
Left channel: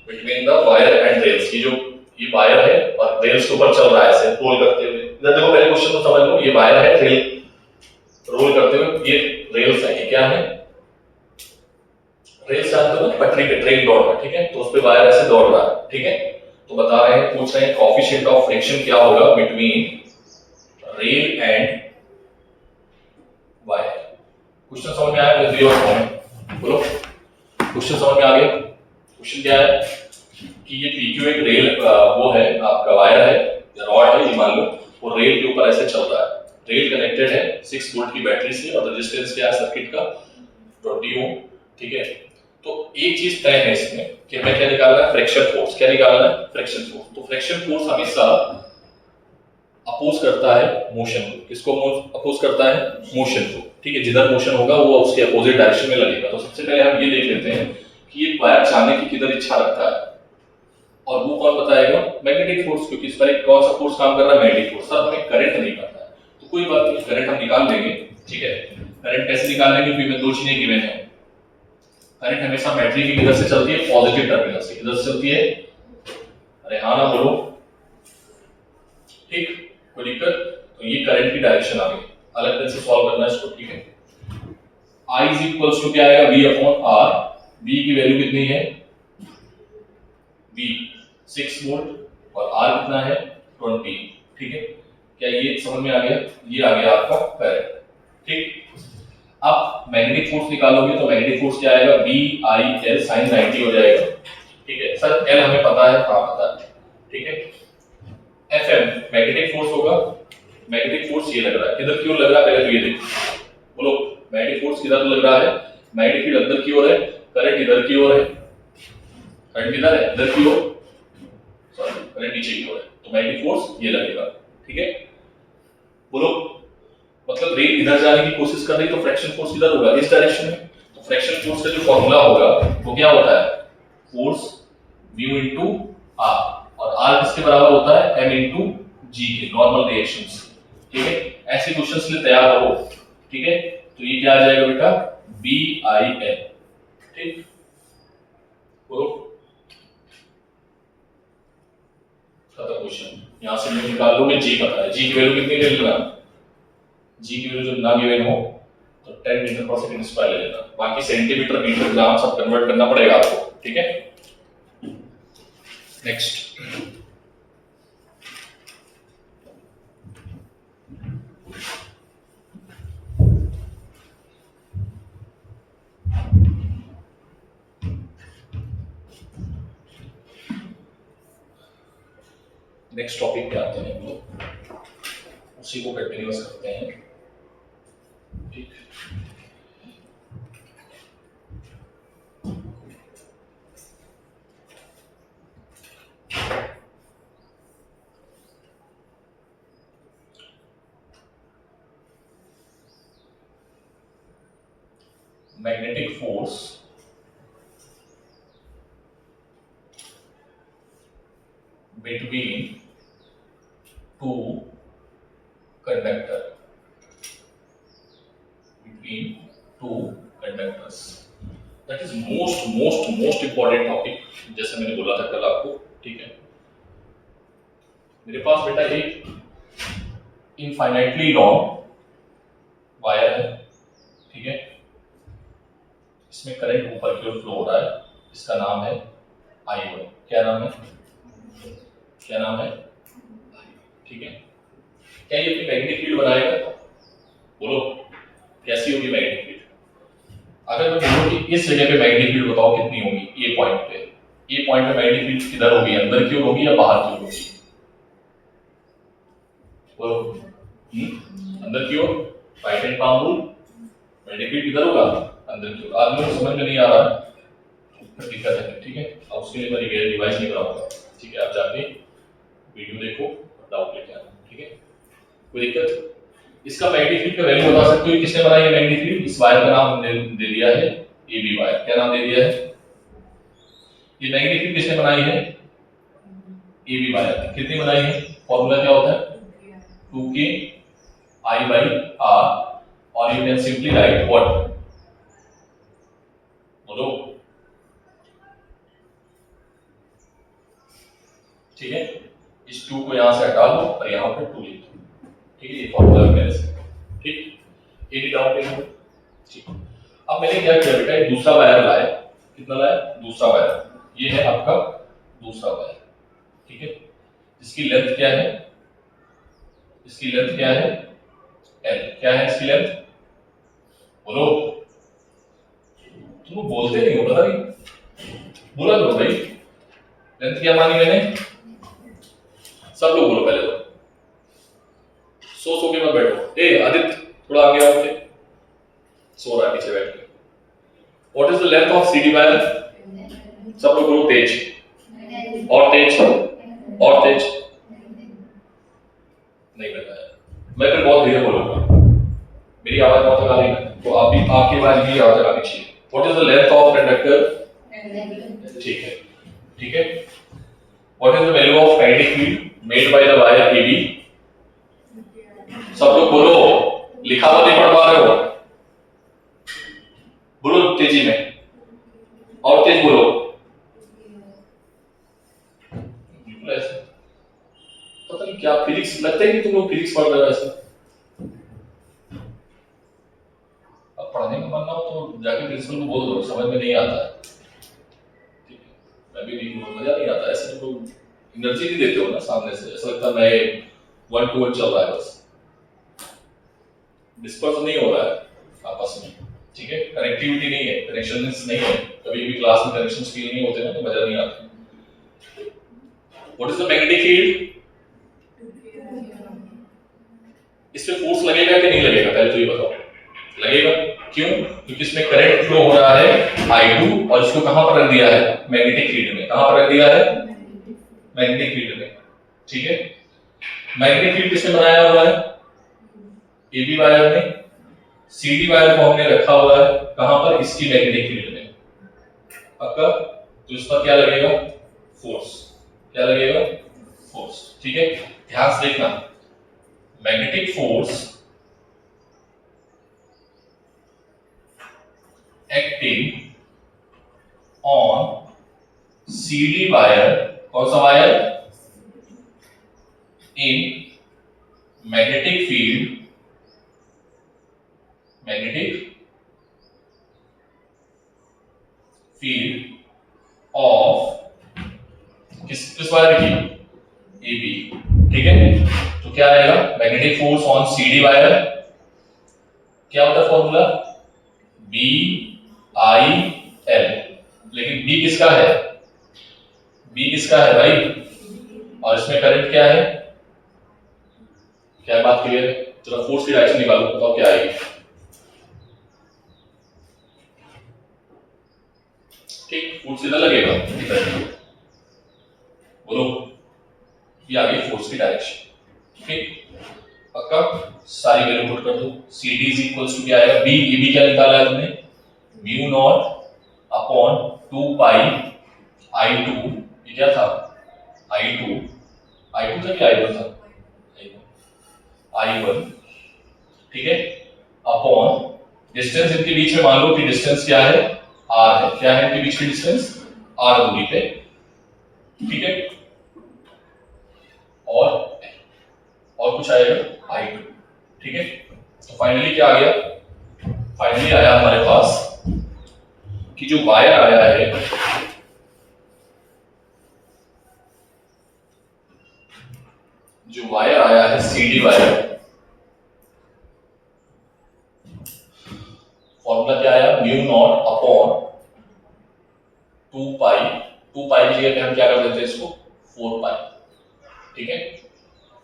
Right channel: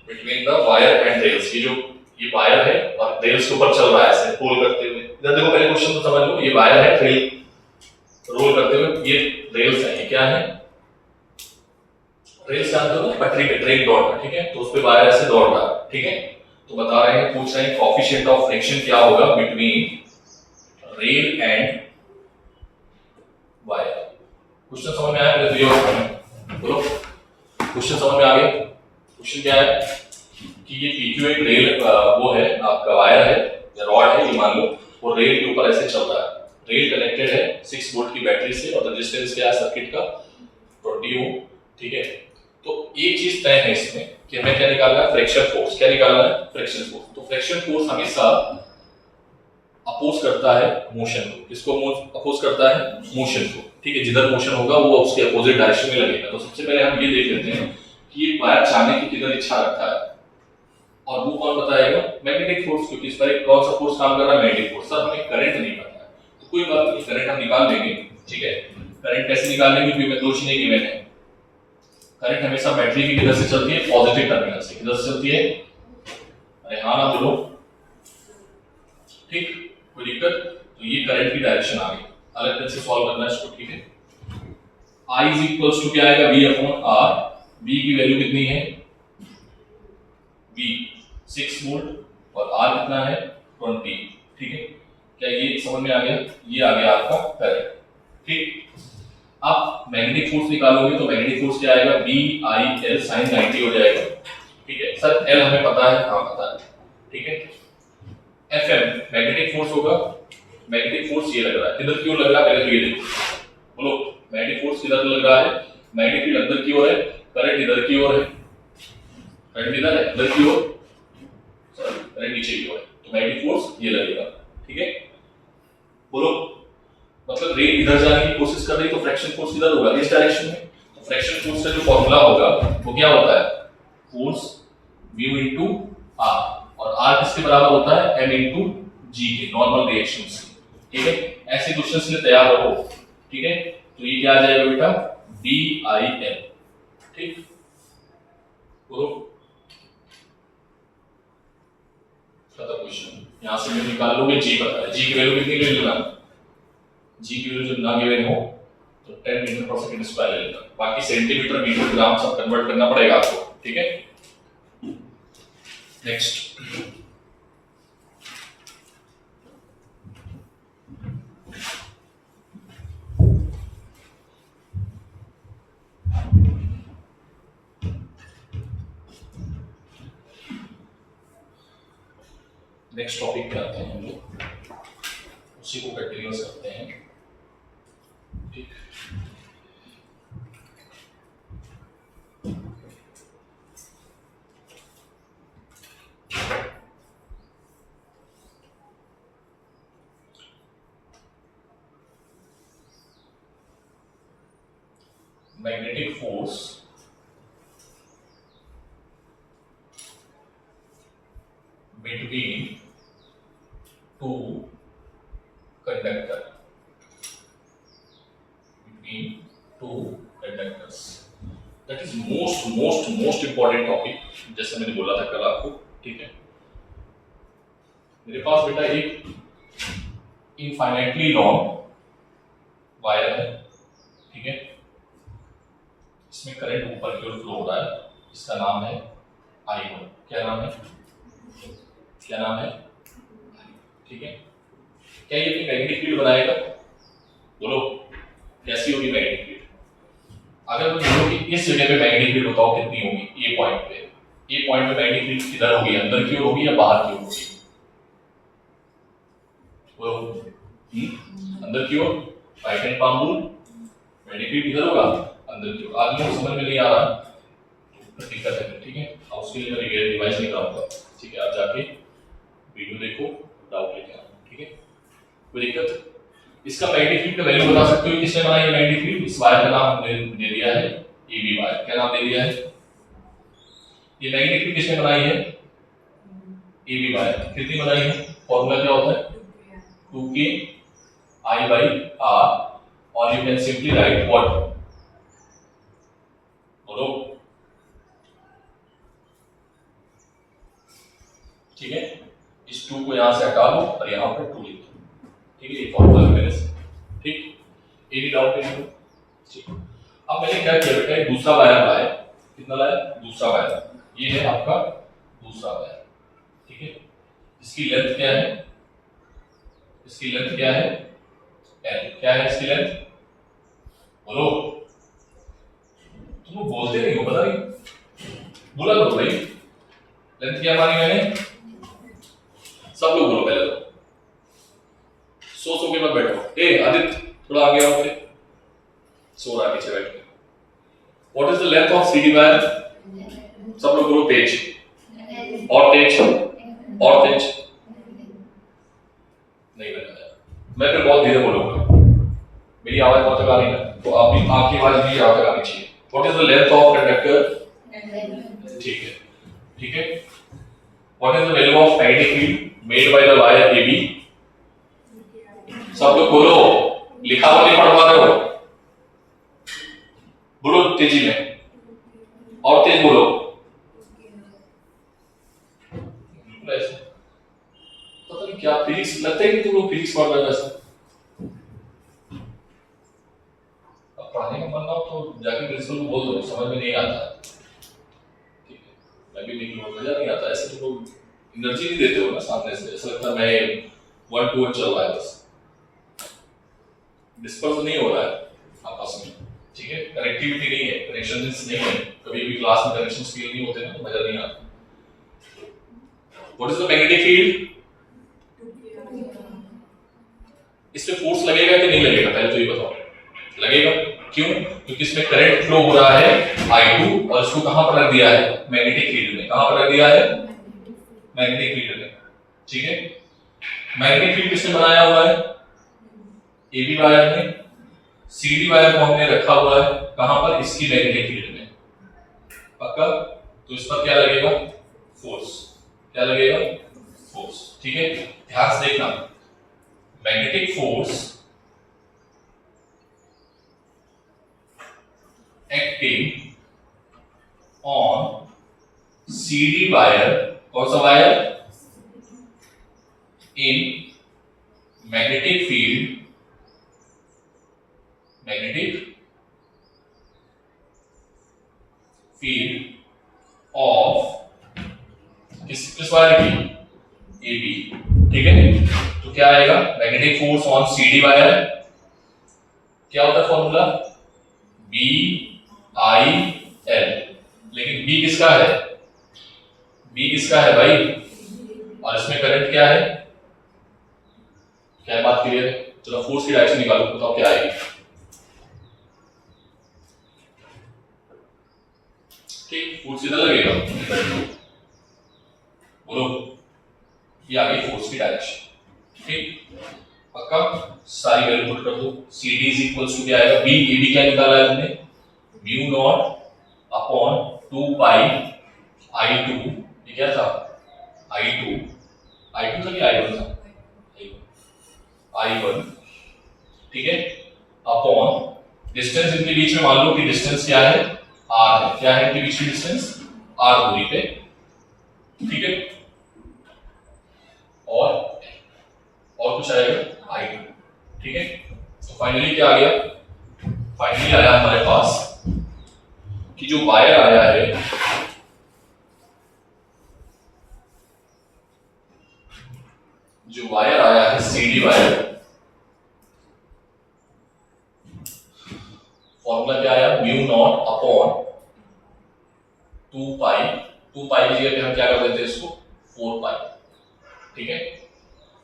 between the wire and rails. ये वायर है और रेल्स के ऊपर चल रहा है ऐसे रोल करते हुए। इधर देखो, पहले क्वेश्चन तो समझ लो, ये वायर है, रेल रोल करते हुए, ये रेल्स है, ये क्या है, रेल्स जानते हो ना, पटरी पे ट्रेन दौड़ रहा है, ठीक है, तो उस पे वायर ऐसे दौड़ रहा है, ठीक है। तो बता रहे हैं, पूछ रहे हैं कोएफिशिएंट ऑफ फ्रिक्शन क्या होगा between rail and wire. Question समझ में आया? दिया हुआ है, बोलो क्वेश्चन समझ में आ गया? क्वेश्चन क्या है कि ये PQ एक रेल वो है, आपका वायर है या रॉड है, ये मान लो, वो रेल के ऊपर ऐसे चल रहा है। रेल कनेक्टेड है 6 वोल्ट की बैटरी से और रेजिस्टेंस क्या है सर्किट का 20 ओम, ठीक है। तो एक चीज तय है इसमें कि हमें क्या निकालना है, फ्रिक्शन फोर्स। क्या निकालना है? Friction force. तो फ्रिक्शन फोर्स हमेशा अपोज करता है मोशन को। किसको अपोज करता है? मोशन को, ठीक है। जिधर मोशन होगा वो उसके अपोजिट डायरेक्शन में लगेगा। तो सबसे पहले हम ये देख लेते हैं कि ये वायर चाहने की किधर इच्छा रखता है, और वो कौन बताएगा? मैग्नेटिक फोर्स, क्योंकि इस पर कौन सा फोर्स काम कर रहा है? Magnetic force. सर हमें करंट नहीं पता है, तो कोई बात नहीं, करंट हम निकाल लेंगे, ठीक है। करंट कैसे निकाल लेंगे? क्योंकि दो चीजें गिवन है। करंट हमेशा बैटरी की किधर से चलती है? पॉजिटिव टर्मिनल से। किधर से चलती है? अरे हाँ ना बोलो, ठीक, कोई दिक्कत? तो ये करंट की डायरेक्शन आ गई। अलग तरह से सॉल्व करना है इसको, ठीक है। I इज इक्वल्स टू क्या आएगा? V upon R। V की वैल्यू कितनी है? V 6 वोल्ट और R कितना है? 20, ठीक है। क्या ये समझ में आ गया? ये आ गया आपका करंट, ठीक। अब मैग्नेटिक फोर्स निकालोगे तो मैग्नेटिक फोर्स क्या आएगा? VIL sin 90 हो जाएगा, ठीक है। सर L हमें पता है, हाँ पता है, ठीक है। FM मैग्नेटिक फोर्स होगा। मैग्नेटिक फोर्स ये लग रहा है, किधर की ओर लग रहा है? पहले तो ये देखो, बोलो मैग्नेटिक फोर्स किधर लग रहा है? मैग्नेटिक फील्ड अंदर की ओर है, करंट इधर की ओर है। करंट किधर है? इधर की ओर, सॉरी करंट नीचे की ओर है, तो मैग्नेटिक फोर्स ये लगेगा, ठीक है। बोलो मतलब रेल इधर जाने की कोशिश कर रही तो फ्रिक्शन फोर्स किधर होगा? इस डायरेक्शन में। तो फ्रिक्शन फोर्स का जो फार्मूला होगा वो क्या होता है? फोर्स म्यू इनटू आर, और आर किसके बराबर होता है? m इनटू g के, नॉर्मल रिएक्शंस, ठीक है। ऐसे क्वेश्चंस के लिए तैयार रहो, ठीक है। तो ये क्या आ जाएगा बेटा? BIL, ठीक। बोलो खत्म क्वेश्चन। यहां से मैं निकाल लूंगा, g पता है, g की वैल्यू कितनी ले लेना? g की वैल्यू जो ना गिवन हो तो 10 मीटर पर सेकंड स्क्वायर ले लेना, बाकी सेंटीमीटर मीटर ग्राम सब कन्वर्ट करना पड़ेगा आपको, ठीक है। नेक्स्ट नेक्स्ट टॉपिक पे आते हैं हम लोग, उसी को कंटिन्यूअस करते हैं, ठीक। Magnetic force between two conductor, between two conductors, that is most important topic, जैसे मैंने बोला था कल आपको, ठीक है। मेरे पास बेटा एक इनफाइनाइटली लॉन्ग वायर है, ठीक है, इसमें करंट ऊपर की ओर फ्लो हो रहा है, इसका नाम है I1। क्या नाम है, क्या नाम है, ठीक है। क्या ये मैग्नेटिक फील्ड बनाएगा, बोलो कैसी होगी मैग्नेटिक फील्ड? अगर मैं बोलूं कि इस जगह पे मैग्नेटिक फील्ड बताओ कितनी होगी, ए पॉइंट पे, ए पॉइंट पे मैग्नेटिक फील्ड किधर होगी, अंदर की ओर होगी या बाहर की ओर होगी, बोलो। अंदर की ओर, right hand palm rule, magnetic field किधर होगा, अंदर की ओर। आदमी को समझ में नहीं आ रहा है तो दिक्कत है, ठीक है। अब उसके लिए मैं रिवाइज नहीं कराऊंगा, ठीक है, आप जाके वीडियो देखो, डाउट लेके आना, ठीक है, कोई दिक्कत। इसका मैग्नेटिक फील्ड का वैल्यू बता सकते हो, किसने बनाई है मैग्नेटिक फील्ड? इस वायर का नाम हमने दे दिया है AB वायर। क्या नाम दे दिया है? ये मैग्नेटिक फील्ड किसने बनाई है? AB wire. कितनी बनाई है? फॉर्मूला क्या होता है? 2K I/R, और you can simply write what, बोलो, ठीक है। इस 2 को यहां से हटा दो और यहां पर 2 लिख दो, ठीक है, ये फॉर्मूला है मेरे से, ठीक। एनी डाउट है? ठीक। अब मैंने क्या किया बेटा, एक दूसरा वायर लाया, कितना लाया? दूसरा वायर, ये है आपका दूसरा वायर, ठीक है। इसकी लेंथ क्या है? इसकी लेंथ क्या है? L। क्या है इसकी लेंथ, बोलो, तुम बोलते नहीं हो, पता नहीं, बोला करो भाई। लेंथ क्या मानी मैंने? सब लोग बोलो पहले तो, सो के मत बैठो। ए आदित्य थोड़ा आगे आओ, सो रहा है पीछे बैठ के। What is the length of CD wire? सब लोग बोलो तेज, और तेज, और तेज, नहीं लगाया। मैं फिर बहुत धीरे बोलूंगा, मेरी आवाज बहुत तक आ रही है, तो आप भी, आपकी आवाज भी आवाज आनी चाहिए। What is the length of conductor? ठीक है, ठीक है। What is the value of magnetic field made by the wire AB? सब लोग बोलो, लिखा हुआ नहीं पढ़ पा रहे हो, बोलो तेजी में, और तेज बोलो, बिल्कुल ऐसे। पता नहीं क्या फिजिक्स, लगता है कि तुम लोग फिजिक्स पढ़ रहे हो ऐसा। अब पढ़ने का मन ना हो तो जाके प्रिंसिपल को बोल दो, समझ में नहीं आता है, ठीक है। मैं भी नहीं, मजा नहीं आता ऐसे, तुम लोग एनर्जी नहीं देते हो ना सामने से, ऐसा लगता है मैं 1 to 1 चल रहा है, बस डिस्पर्स नहीं हो रहा है आपस में, ठीक है। कनेक्टिविटी नहीं है, कनेक्शंस नहीं है, कभी भी क्लास में कनेक्शंस फील नहीं होते ना तो मजा नहीं आता। What is the magnetic field? इस पे फोर्स लगेगा कि नहीं लगेगा, पहले तो ये बताओ। लगेगा, क्यों? क्योंकि इसमें करंट फ्लो हो रहा है I2, और इसको कहां पर रख दिया है? मैग्नेटिक फील्ड में। कहां पर रख दिया है? मैग्नेटिक फील्ड में, ठीक है। मैग्नेटिक फील्ड किसने बनाया हुआ है? AB वायर ने। CD वायर को हमने रखा हुआ है कहां पर? इसकी मैग्नेटिक फील्ड में, पक्का। तो इस पर क्या लगेगा? फोर्स। क्या लगेगा? फोर्स, ठीक है। ध्यान से देखना, magnetic force acting on CD wire, कौन सा wire? In magnetic field, magnetic field of किस वायर की? AB, ठीक है। तो क्या आएगा? Magnetic force on CD wire, क्या होता है फॉर्मूला? BIL। लेकिन B किसका है? B किसका है भाई? और इसमें करंट क्या है? क्या बात क्लियर है? चलो फोर्स की डायरेक्शन निकालो, बताओ क्या आएगी। ठीक, फोर्स सीधा लगेगा, बोलो, ये आ गई फोर्स की डायरेक्शन, ठीक, पक्का। सारी वैल्यू पुट कर दो। CD इज इक्वल्स टू क्या आएगा? B, AB क्या निकाला है तुमने? Mu not upon 2 pi I2, ये क्या था? I2 था कि I1 था? I1, ठीक है, अपॉन डिस्टेंस इनके बीच में, मान लो कि डिस्टेंस क्या है? R है। क्या है इनके बीच की डिस्टेंस? R दूरी पे, ठीक है। और कुछ आएगा? I2, ठीक है। तो फाइनली क्या आ गया, फाइनली आया हमारे पास कि जो वायर आया है, जो वायर आया है CD वायर, फॉर्मूला क्या आया, म्यू नॉट अपॉन 2 पाई, 2 पाई की जगह पे हम क्या कर देते हैं इसको 4 पाई, ठीक है,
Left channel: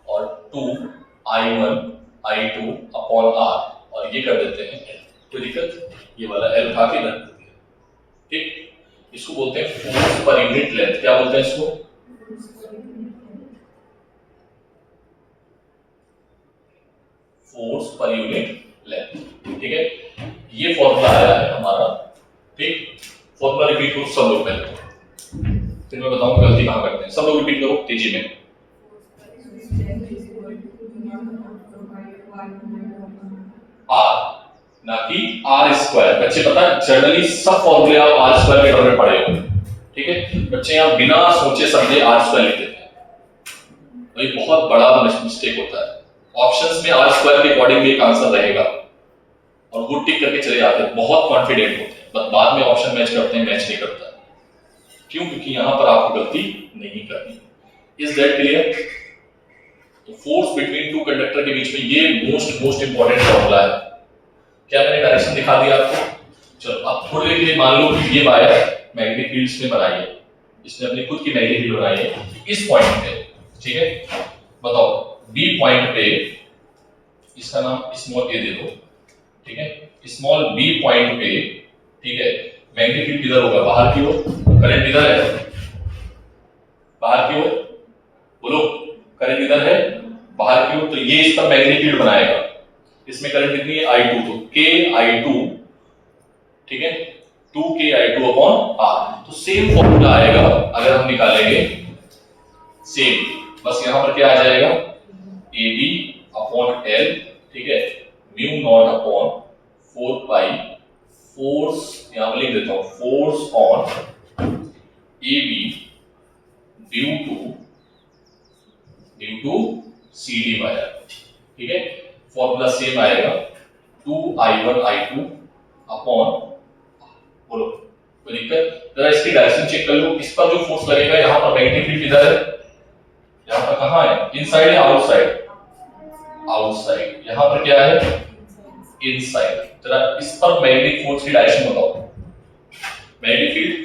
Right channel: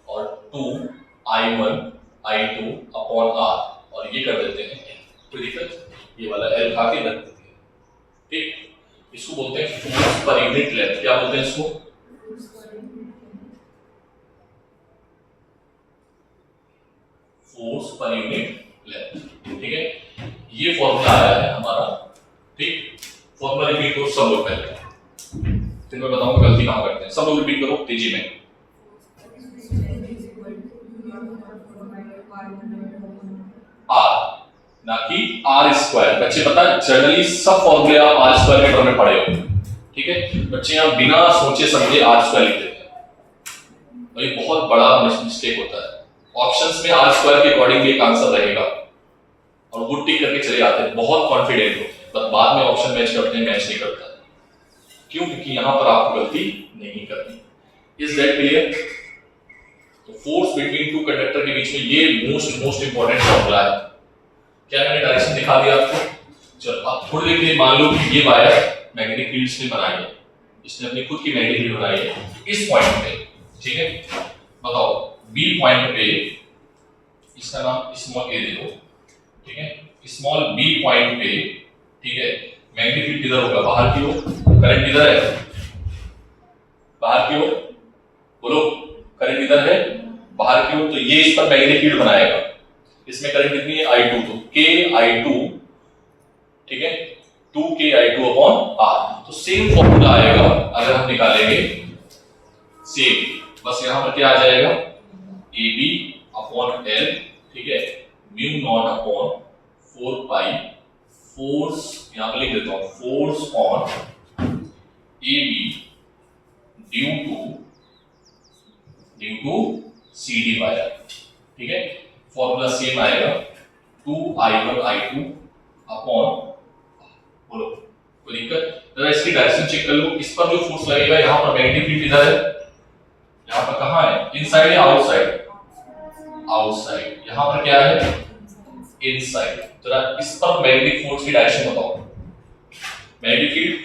और 2I1 I2 अपॉन R, और ये कर देते हैं L। कोई दिक्कत, ये वाला L उठा के रख देते हैं, ठीक। इसको बोलते हैं फोर्स पर यूनिट लेंथ। क्या बोलते हैं इसको, फोर्स पर यूनिट लेंथ, ठीक है। ये फॉर्मूला आया है हमारा, ठीक। फॉर्मूला रिपीट करो सब लोग पहले, फिर मैं बताऊंगा गलती कहां करते हैं। सब लोग रिपीट करो तेजी में। आर ना कि आर स्क्वायर। बच्चे पता है जनरली सब फॉर्मूले आप आर स्क्वायर के टर्म में पढ़े हो, ठीक है। बच्चे यहां बिना सोचे समझे आर स्क्वायर लिख देते हैं, तो ये बहुत बड़ा मिस्टेक होता है। ऑप्शंस में आर स्क्वायर के अकॉर्डिंग एक आंसर रहेगा और वो टिक करके चले जाते हैं, बहुत कॉन्फिडेंट होते हैं, बट बाद में ऑप्शन मैच करते हैं, मैच नहीं करता। क्यों? क्योंकि यहां पर आपको गलती नहीं करनी। Is that clear? तो फोर्स बिटवीन टू कंडक्टर के बीच में ये मोस्ट इंपॉर्टेंट फॉर्मूला है। क्या मैंने डायरेक्शन दिखा दिया आपको? चलो अब थोड़ी देर के लिए मान लो कि ये वायर मैग्नेटिक फील्ड से बनाई है, इसने अपनी खुद की मैग्नेटिक फील्ड बनाई है इस पॉइंट पे, ठीक है। बताओ बी पॉइंट पे, इसका नाम स्मॉल ए दे दो, ठीक है। स्मॉल बी पॉइंट पे, ठीक है, मैग्नेटिक फील्ड किधर होगा, बाहर की ओर। करंट किधर है, बाहर की ओर। बोलो करंट किधर है, बाहर की ओर। तो ये इस पर मैग्नेटिक फील्ड बनाएगा। इसमें करंट कितनी है, I2, तो KI2, ठीक है, 2KI2 अपॉन R। तो सेम फॉर्मूला आएगा अगर हम निकालेंगे, सेम, बस यहां पर क्या आ जाएगा, AB अपॉन L, ठीक है, mu not upon 4 pi, force यहां पर लिख देता हूं, force on AB due to CD wire, ठीक है। फॉर्मूला सेम आएगा 2I1 I2 अपॉन, बोलो कोई दिक्कत? जरा इसकी डायरेक्शन चेक कर लो। इस पर जो फोर्स लगेगा, यहां पर मैग्नेटिक फील्ड किधर है, यहां पर कहां है, इनसाइड या आउटसाइड, आउटसाइड। यहां पर क्या है, इनसाइड। जरा इस पर मैग्नेटिक फोर्स की डायरेक्शन बताओ। मैग्नेटिक फील्ड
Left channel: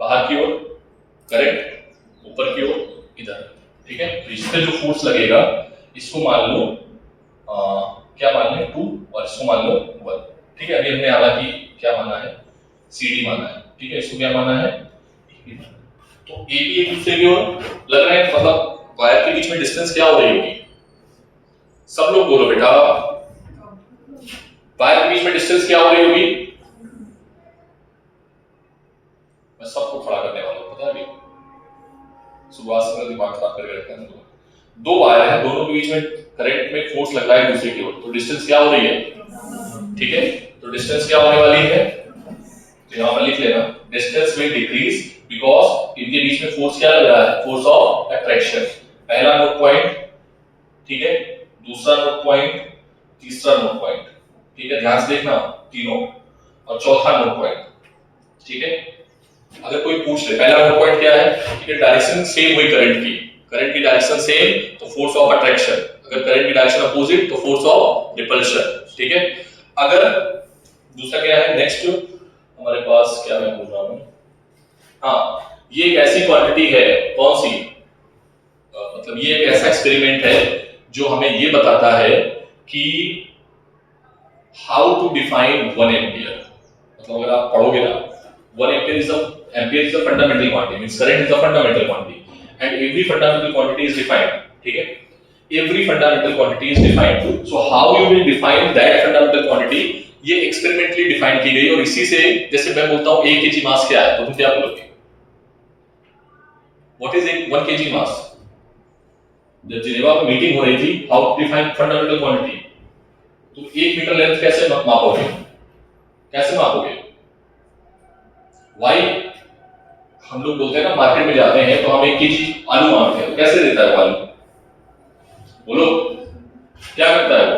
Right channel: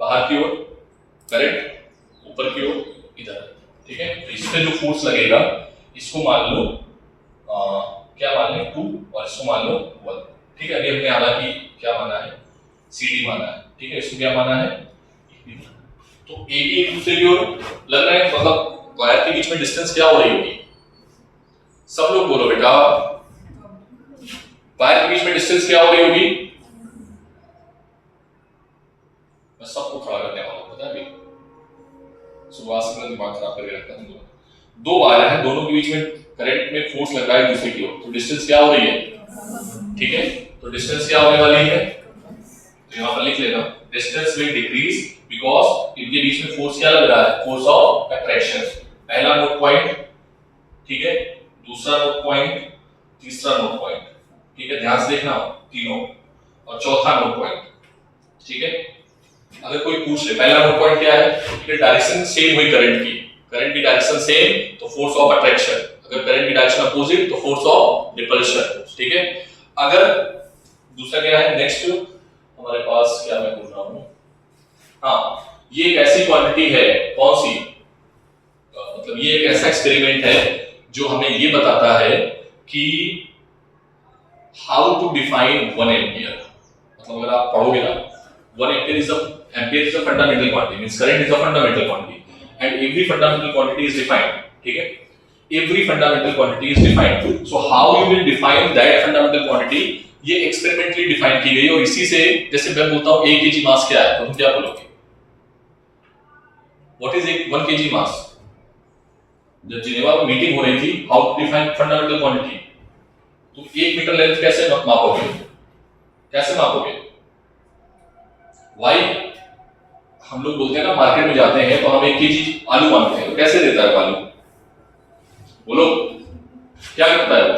बाहर की ओर, करंट ऊपर की ओर, इधर, ठीक है। तो इस पे जो फोर्स लगेगा, इसको मान लो क्या मान लें 2, और इसको मान लो 1, ठीक है। अभी हमने हालांकि क्या माना है, CD माना है, ठीक है। इसको क्या माना है, तो AB एक दूसरे की ओर लग रहे हैं, मतलब वायर के बीच में डिस्टेंस क्या हो रही होगी, सब लोग बोलो बेटा, वायर के बीच में डिस्टेंस क्या हो रही होगी। मैं सबको खड़ा करने वाला हूं, पता है, सुबह से मेरा दिमाग खराब करके रखा है। दो वायर है, दोनों के बीच में करंट में फोर्स लग रहा है दूसरे की ओर, तो डिस्टेंस क्या हो रही है, ठीक है। तो डिस्टेंस क्या होने वाली है, तो यहां पर लिख लेना, डिस्टेंस विल डिक्रीज बिकॉज़ इनके बीच में फोर्स क्या लग रहा है, फोर्स ऑफ अट्रैक्शन। पहला नोट पॉइंट, ठीक है, दूसरा नोट पॉइंट, तीसरा नोट पॉइंट, ठीक है, ध्यान से देखना तीनों, और चौथा नोट पॉइंट, ठीक है। अगर कोई पूछ ले पहला नोट पॉइंट क्या है, ठीक है, डायरेक्शन सेम हुई करंट की डायरेक्शन सेम, तो फोर्स ऑफ अट्रैक्शन। अगर करंट की डायरेक्शन अपोजिट, तो फोर्स ऑफ रिपल्शन, ठीक है। अगर दूसरा क्या है, नेक्स्ट हमारे पास क्या मैं बोल रहा हूं, हाँ, ये एक ऐसी क्वांटिटी है, कौन सी, मतलब ये एक ऐसा एक्सपेरिमेंट है जो हमें ये बताता है कि हाउ टू डिफाइन 1 एम्पियर। मतलब अगर आप पढ़ोगे ना, 1 ampere is a fundamental quantity, means current is a fundamental quantity, and every fundamental quantity is defined, ठीक है। Every fundamental quantity is defined, so how you will define that fundamental quantity, ये experimentally define की गई। और इसी से, जैसे मैं बोलता हूं 1 kg मास क्या है, तो तुम क्या बोलोगे, व्हाट इज 1 kg मास। जब जिनेवा में मीटिंग हो रही थी, how to define fundamental quantity, तुम 1 मीटर लेंथ कैसे मापोगे, कैसे मापोगे, वाई। हम लोग बोलते हैं ना, मार्केट में जाते हैं तो हम 1 kg आलू मांगते हैं, तो कैसे देता है वो आलू, बोलो क्या करता है वो?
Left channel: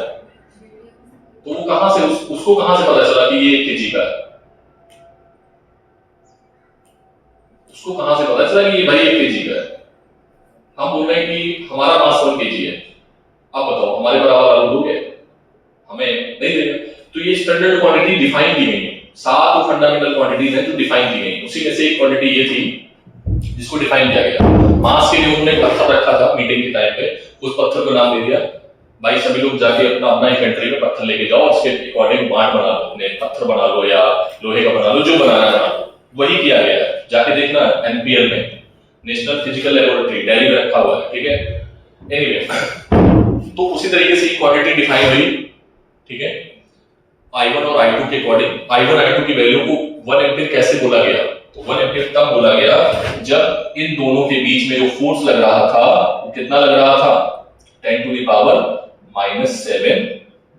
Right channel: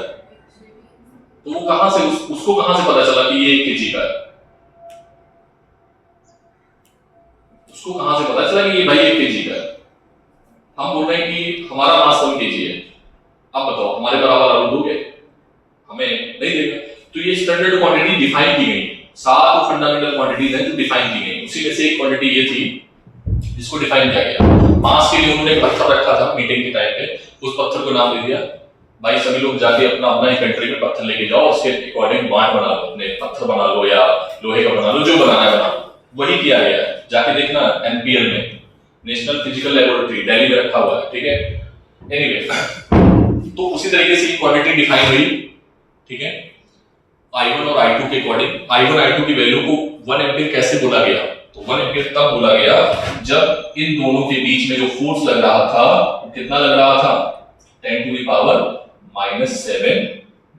तो वो कहां से उसको कहां से पता चला कि ये 1 kg का है? उसको कहां से पता चला कि ये भाई 1 kg का है? हम बोल रहे हैं कि हमारा मास 1 kg है, अब बताओ हमारे बराबर आलू दोगे? हमें नहीं देगा। तो ये स्टैंडर्ड क्वांटिटी डिफाइन की गई है, 7 फंडामेंटल क्वांटिटीज हैं जो डिफाइन की गई, उसी में से एक क्वांटिटी ये थी जिसको डिफाइन किया गया। मास के लिए उन्होंने पत्थर रखा था मीटिंग के टाइम पे, उस पत्थर को नाम दे दिया भाई सभी लोग जाके अपना अपना इन्वेंटरी में पत्थर लेके जाओ, उसके अकॉर्डिंग बांट बना लो, अपने पत्थर बना लो या लोहे का बना लो, जो बनाना है बना लो। वही किया गया है, जाके देखना एनपीएल में, नेशनल फिजिकल लेबोरेटरी दिल्ली में रखा हुआ है, ठीक है। एनीवे तो उसी तरीके से क्वांटिटी डिफाइन हुई, ठीक है। I1 और I2 के अकॉर्डिंग I1 I2 की वैल्यू को 1 एम्पीयर कैसे बोला गया? तो 1 एम्पीयर तब बोला गया जब इन दोनों के बीच में जो फोर्स लग रहा था वो कितना लग रहा था? 10⁻⁻7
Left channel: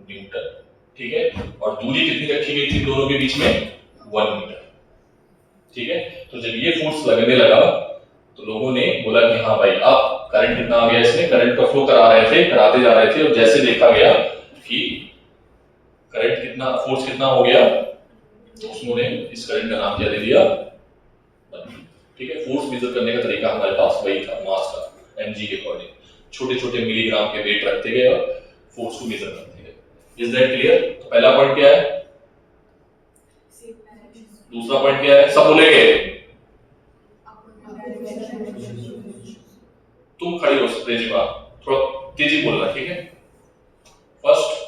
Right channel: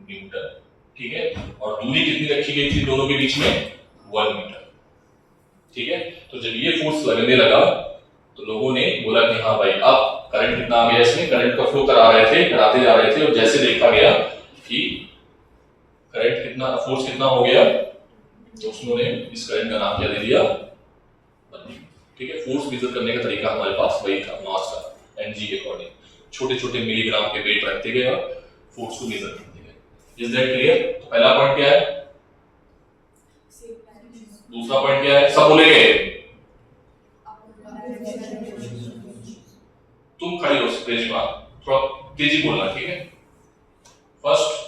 न्यूटन, ठीक है। और दूरी कितनी रखी गई थी दोनों के बीच में? 1 मीटर, ठीक है। तो जब ये फोर्स लगने लगा तो लोगों ने बोला कि हाँ भाई अब करंट कितना आ गया, इसमें करंट का फ्लो कराते जा रहे थे, और जैसे देखा गया कि करंट कितना, फोर्स कितना हो गया, तो उन्होंने इस करंट का नाम क्या दे दिया? ठीक है। फोर्स मेजर करने का तरीका हमारे पास वही था, मास का, एमजी के अकॉर्डिंग छोटे छोटे मिलीग्राम के वेट रखते गए और फोर्स को मेजर करते गए। Is that clear? तो पहला पॉइंट क्या है, दूसरा पॉइंट क्या है, सब बोलेंगे, तुम खड़ी हो सकते हैं, थोड़ा तेजी बोलना, ठीक है। फर्स्ट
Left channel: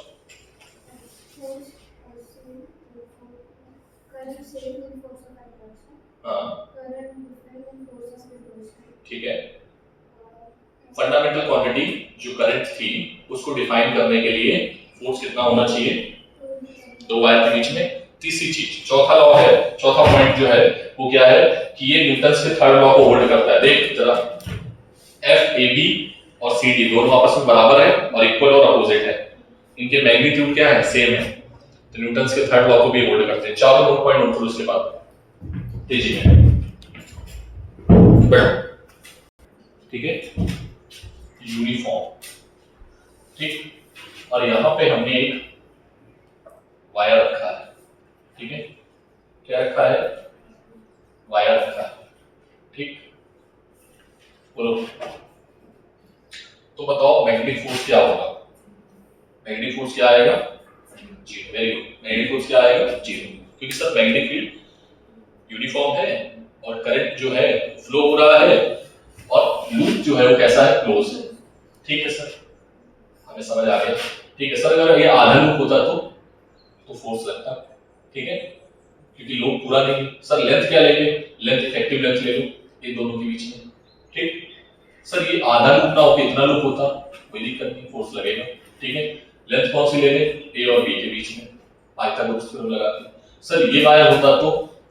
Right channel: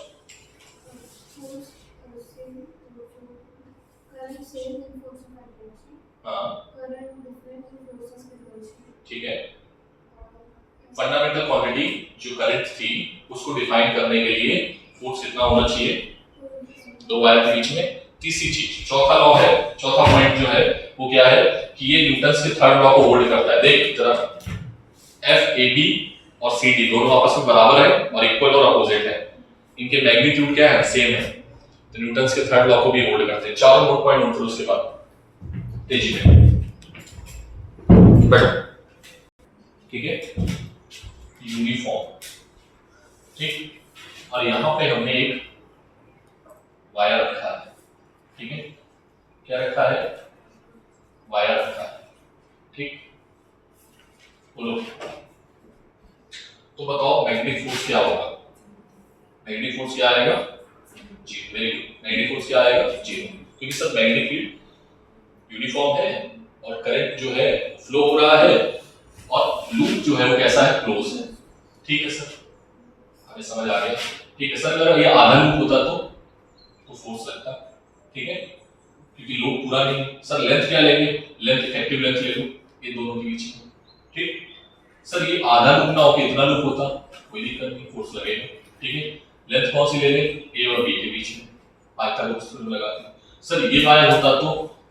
ठीक है, फंडामेंटल क्वांटिटी जो करंट थी उसको डिफाइन करने के लिए फोर्स कितना होना चाहिए? 2 वायर के बीच में। तीसरी चीज, चौथा लॉ है, चौथा पॉइंट जो है वो क्या है कि ये न्यूटन के थर्ड लॉ को होल्ड करता है। देख जरा, एफ ए बी और सी डी दोनों आपस में बराबर है और इक्वल और अपोजिट है, इनके मैग्नीट्यूड क्या है? सेम है, तो न्यूटन के थर्ड लॉ को भी होल्ड करते हैं। चारों नोट पॉइंट नोट करो उसके बाद तेजी में बैठो, ठीक है। यूनिफॉर्म, ठीक। और यहां पे हमने एक वायर रखा है, ठीक है। क्या रखा है? वायर रखा है, ठीक। बोलो, तो बताओ मैग्नेटिक फोर्स क्या होगा? मैग्नेटिक फोर्स क्या आएगा? 0। वेरी गुड, मैग्नेटिक फोर्स क्या आएगा? 0, क्योंकि सर मैग्नेटिक फील्ड यूनिफॉर्म है और करंट जो है फ्लो हो रहा है और लूप जो है वो कैसा है? क्लोज है, ठीक है सर, हमें समझ आ गया, ठीक है सर। अगर ये आधा लूप होता तो फोर्स लगता, ठीक है, क्योंकि लूप पूरा नहीं। सर लेंथ क्या लेंगे? लेंथ इफेक्टिव लेंथ ले लो ये दोनों के बीच में, ठीक। सर ये आधा लूप ना होके इतना लूप होता, कोई दिक्कत नहीं, फोर्स लगेगा, ठीक है। लेंथ कौन सी ले लें? ए और बी के बीच में पाइथागोरस थ्योरम लगाते हैं। सर ये वायर होता तो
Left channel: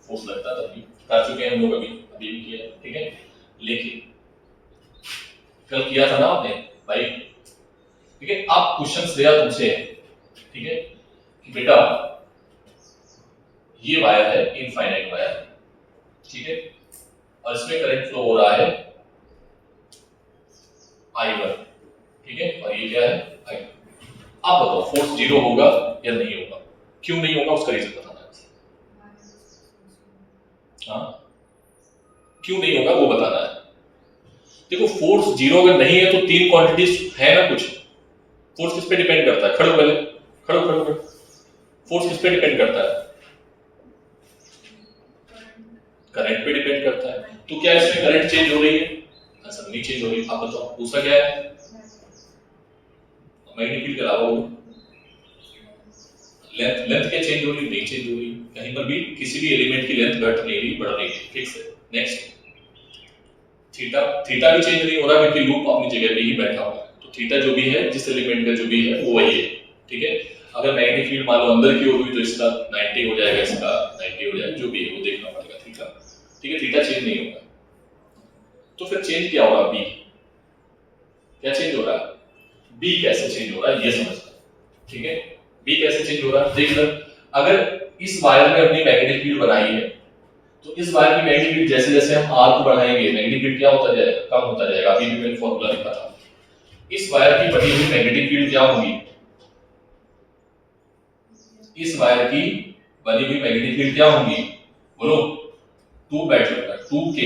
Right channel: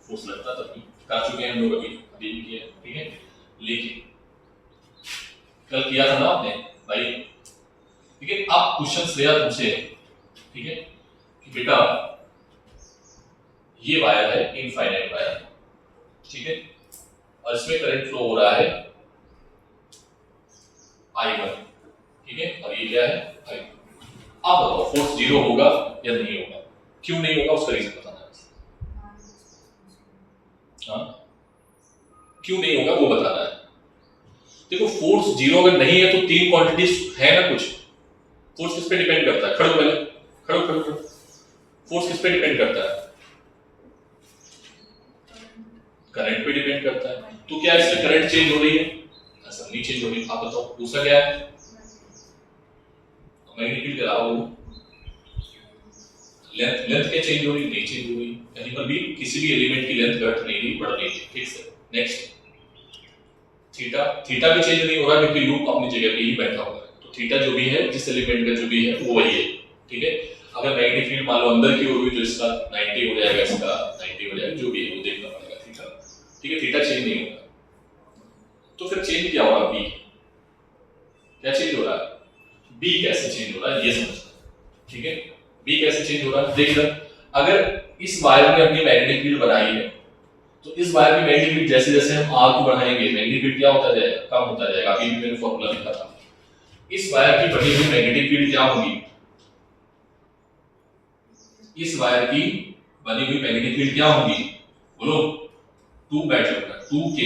फोर्स लगता, तभी कर चुके हैं हम लोग, अभी भी किया है, ठीक है। लेकिन कल किया था ना आपने भाई, ठीक है। अब क्वेश्चन दिया तुमसे, ठीक है, कि बेटा ये वायर है इनफाइनाइट वायर, ठीक है, और इसमें करंट फ्लो हो रहा है I1, ठीक है, और ये क्या है? I2। आप बताओ फोर्स 0 होगा या नहीं होगा? क्यों नहीं होगा उसका रीजन बताना है। हाँ, क्यों नहीं होगा वो बताना है। देखो फोर्स 0 अगर नहीं है तो 3 क्वांटिटीज है ना कुछ। फोर्स किस पे डिपेंड करता है? खड़ो पहले, खड़ो। फोर्स किस पे डिपेंड करता है? करंट पे डिपेंड करता है। तो क्या इसमें करंट चेंज हो रही है? ऐसा नहीं चेंज हो रही। आप बताओ दूसरा क्या है? मैग्नेटिक फील्ड के अलावा लेंथ क्या चेंज हो रही? नहीं चेंज हो रही, कहीं पर भी किसी भी एलिमेंट की लेंथ घट नहीं रही, बढ़ नहीं रही, फिक्स है। नेक्स्ट, थीटा भी चेंज नहीं हो रहा क्योंकि लूप अपनी जगह पे ही बैठा हुआ है। तो थीटा जो भी है, जिस एलिमेंट का जो भी है वो वही है, ठीक है। अगर मैग्नेटिक फील्ड मान लो अंदर की ओर हुई तो इसका 90 हो जाएगा, इसका 90 हो जाएगा, जो भी है वो देखना पड़ेगा, थीटा, ठीक है। थीटा चेंज नहीं होगा, तो फिर चेंज क्या होगा? बी क्या चेंज हो रहा है? बी कैसे चेंज हो रहा है ये समझना, ठीक है। बी कैसे चेंज हो रहा है देख लो। अगर इस वायर में अपनी मैग्नेटिक फील्ड बनाई है तो इस वायर की मैग्नेटिक फील्ड जैसे जैसे हम आर को बढ़ाएंगे मैग्नेटिक फील्ड क्या होता जाएगा? कम होता जाएगा। अभी भी मैंने फॉर्मूला लिखा था, इस वायर की बनी हुई मैग्नेटिक फील्ड क्या होगी? इस वायर की बनी हुई मैग्नेटिक फील्ड क्या होगी? बोलो। 2 बैठ जाएगा, 2K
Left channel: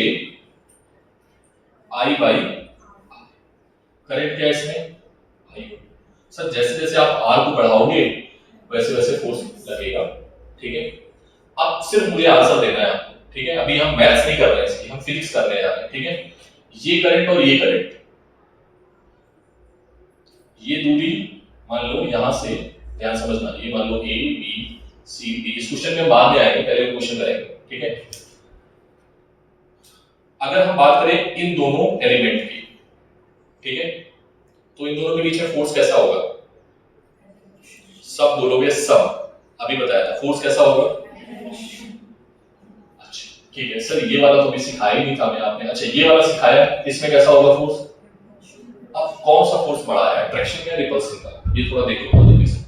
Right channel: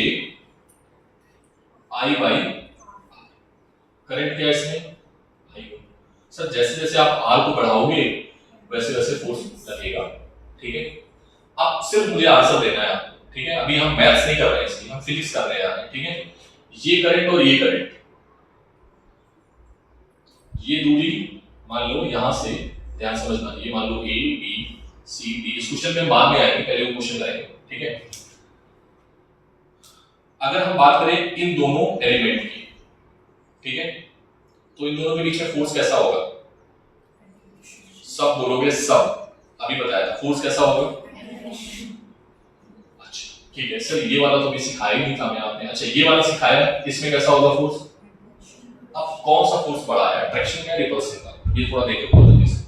I बाई करंट क्या है इसमें? I। सर जैसे जैसे आप R को बढ़ाओगे वैसे वैसे फोर्स लगेगा, ठीक है। अब सिर्फ मुझे आंसर देना है आपको, ठीक है। अभी हम मैथ्स नहीं कर रहे हैं इसकी, हम फिजिक्स करने जा रहे हैं, ठीक है। ये करंट और ये करंट, ये दूरी मान लो यहां से, ध्यान समझना, ये मान लो A B C D, इस क्वेश्चन में हम बाद में आएंगे, पहले वो क्वेश्चन करेंगे, ठीक है। अगर हम बात करें इन दोनों एलिमेंट की, ठीक है, तो इन दोनों के बीच में फोर्स कैसा होगा? सब बोलोगे सब, अभी बताया था फोर्स कैसा होगा? अच्छा ठीक है सर, ये वाला तो भी सिखाया ही नहीं था मैं आपने, अच्छा ये वाला सिखाया, इसमें कैसा होगा फोर्स? अब कौन सा फोर्स बड़ा है, अट्रैक्शन का रिपल्सन का? ये थोड़ा देख लो जल्दी से।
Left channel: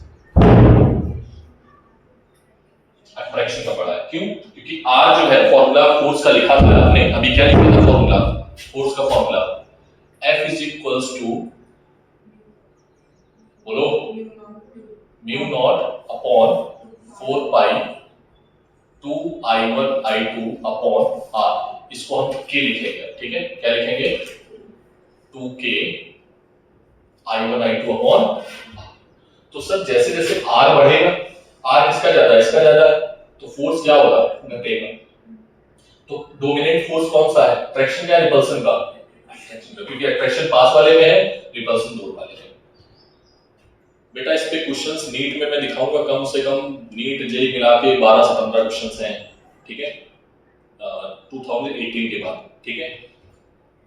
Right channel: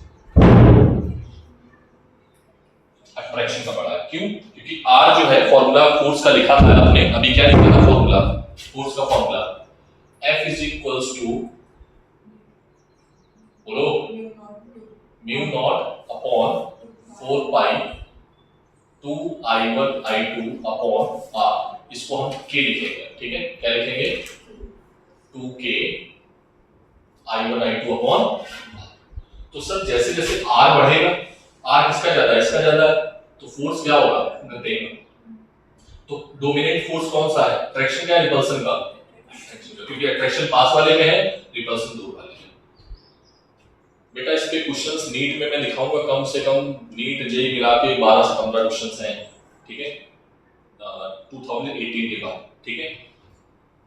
अट्रैक्शन का बड़ा है, क्यों? क्योंकि R जो है फॉर्मूला फोर्स का लिखा था आपने, अभी क्या लिखा था फॉर्मूला फोर्स का? Formula F is equals to, बोलो, mu not upon 4 pi 2 I1 I2 upon R, इसको हम K लिखेंगे, ठीक है। क्या लिखेंगे? 2K I1 I2 upon. तो सर जैसे जैसे R बढ़ेगा, R किसका ज्यादा है? इसका ज्यादा है, तो फोर्स क्या होगा? घटेगा। तो डोमिनेंट फोर्स कौन सा है? अट्रैक्शन का, रिपल्सन का? क्योंकि अट्रैक्शन पास वाले में है, रिपल्सन दूर वाले में। बेटा इस पे क्वेश्चंस नीट में मैं दिखाऊंगा, कम से कम नीट जेई मिला के 12 से 15 क्वेश्चंस हैं, ठीक है, 2018 के बाद, ठीक है।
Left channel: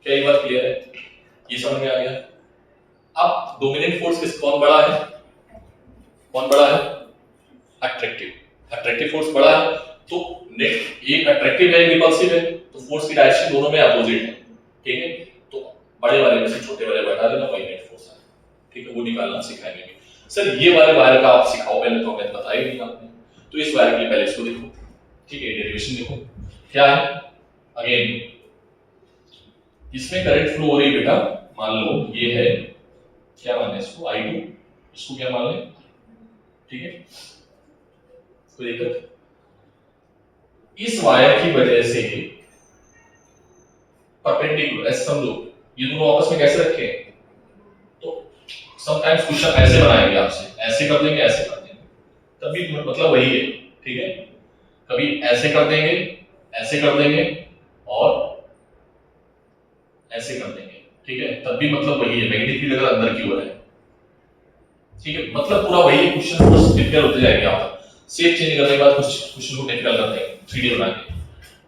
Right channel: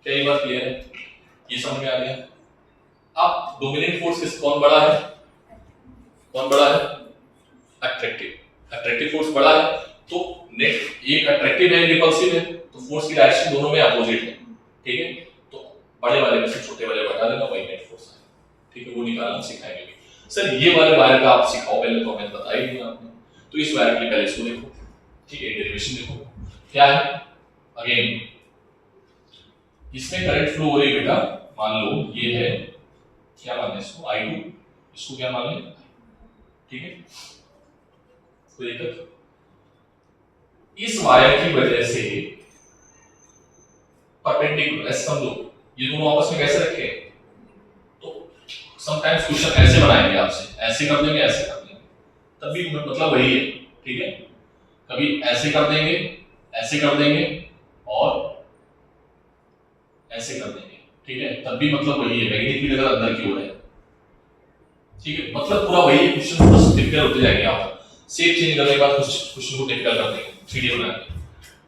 क्या ये बात क्लियर है? ये समझ में आ गया? अब डोमिनेंट फोर्स किस, कौन बड़ा है? कौन बड़ा है? अट्रैक्टिव। अट्रैक्टिव फोर्स बड़ा है, तो नेट एक अट्रैक्टिव है, रिपल्सिव है, तो फोर्स की डायरेक्शन दोनों में अपोजिट है, ठीक है। तो बड़े वाले में से छोटे वाले को हटा देना, वही नेट फोर्स है, ठीक है। वो निकालना सिखाएंगे। सर ये वाले वायर का आप सिखाओ पहले, तो हमें बताया ही नहीं आपने। तो इस वायर के लिए पहले इसको देखो, ठीक है, डेरिवेशन देखो क्या है। अगेन इसमें करंट फ्लो हो रही है बेटा, मान लो ये है, क्या मान लें इसको? I2, इसको क्या मान लें? ठीक है, कोई दिक्कत? इस वायर की वजह से परपेंडिकुलर, ऐसे समझो, ये दोनों आपस में कैसे रखे? तो समटाइम्स क्वेश्चन ऐसे बनाएंगे आपसे, ऐसे कर देंगे, ऐसे कर देंगे, तब भी मतलब वही है, ठीक है। कभी ऐसे कर देंगे, ऐसे कर देंगे, और ऐसे कर देंगे, ठीक है, तब भी मतलब वही है, मैग्नेटिक फील्ड अगर अंदर की ओर है, ठीक है, मतलब पूरा वही है। क्वेश्चन बस डिफिकल्ट होते जाएंगे आपका, शेप चेंज करने के बाद कुछ क्वेश्चन को डिफिकल्ट करते हैं 3D बना के,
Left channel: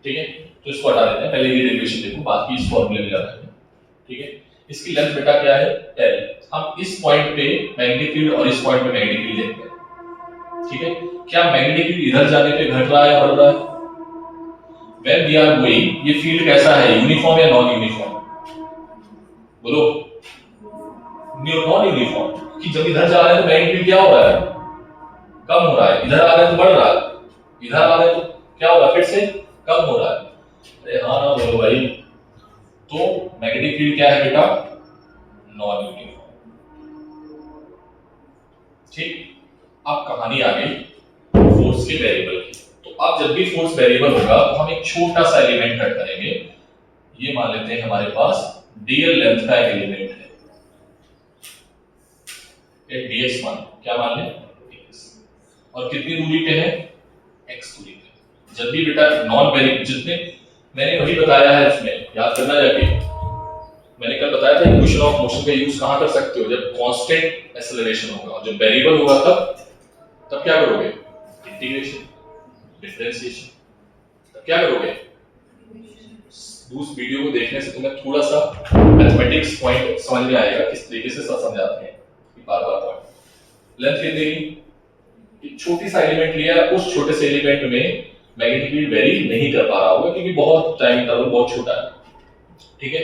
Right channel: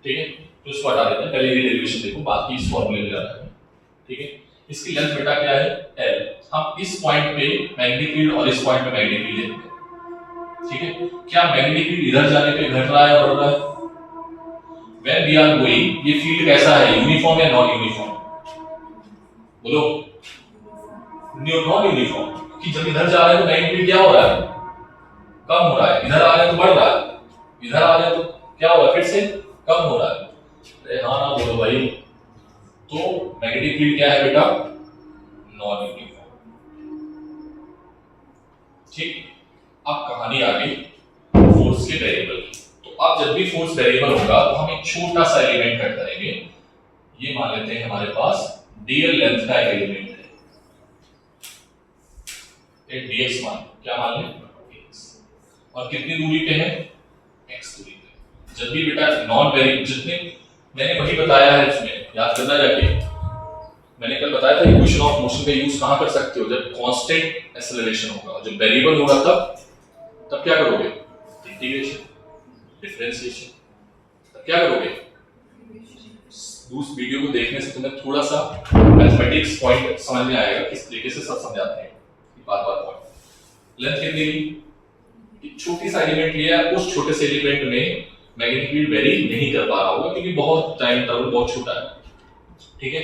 ठीक है। तो इसको हटा देते हैं, पहले ये डेरिवेशन देखो, बाकी इस फॉर्मूले में जाना है, ठीक है। इसकी लेंथ बेटा क्या है? L। हम इस पॉइंट पे मैग्नेटिक फील्ड और इस पॉइंट पे मैग्नेटिक फील्ड देखते हैं, ठीक है। क्या मैग्नेटिक फील्ड इधर जाने पे घट रहा है या बढ़ रहा है? When we are going, ये फील्ड कैसा है, यूनिफॉर्म या नॉन यूनिफॉर्म? बोलो। नॉन यूनिफॉर्म, कि जब इधर जा रहे हैं तो मैग्नेटिक फील्ड क्या हो रहा है? कम हो रहा है, इधर आ रहे हैं तो बढ़ रहा है, इधर आ रहे हैं तो क्या हो रहा है? फिर से कम हो रहा है। अरे हाँ ना बोलो भाई। तो मैग्नेटिक फील्ड क्या है बेटा? नॉन यूनिफॉर्म, ठीक। अब कहानी आ गई फोर्स के वेरिएबल की। तो अब जब भी फोर्स वेरिएबल होगा तो हम एक छोटा सा एलिमेंट कट करेंगे। ये मान लेते हैं हमारे पास dl लेंथ का एक एलिमेंट है, एक dx मान, क्या मान लें? dx। और कितनी दूरी पे है? x दूरी पे। जब भी बेटा नॉन वेरिएबल, जितने मैंने वही बताया है उसमें, याद करना जाके, मैंने कल बताया था इक्वेशन ऑफ मोशन का यूज कहां कर सकते हो? जब कांस्टेंट एक्सेलरेशन होगा, और जब वेरिएबल होगा तब क्या करोगे? इंटीग्रेशन, डिफरेंशिएशन, तब क्या करोगे? उस वीडियो को देखने से तुम्हें थोड़ा सा मैथमेटिक्स पॉइंट समझ में आएगा, किस तरीके से सब समझाते हैं, बार-बार पॉइंट। लेंथ कितनी ली? एक छोटी सा एलिमेंट लिया है, उस छोटे से एलिमेंट में मैग्नेटिक फील्ड वेरी नहीं कर पा रहा होगा क्योंकि बहुत टाइम इंटरवल बहुत छोटा है, ठीक है।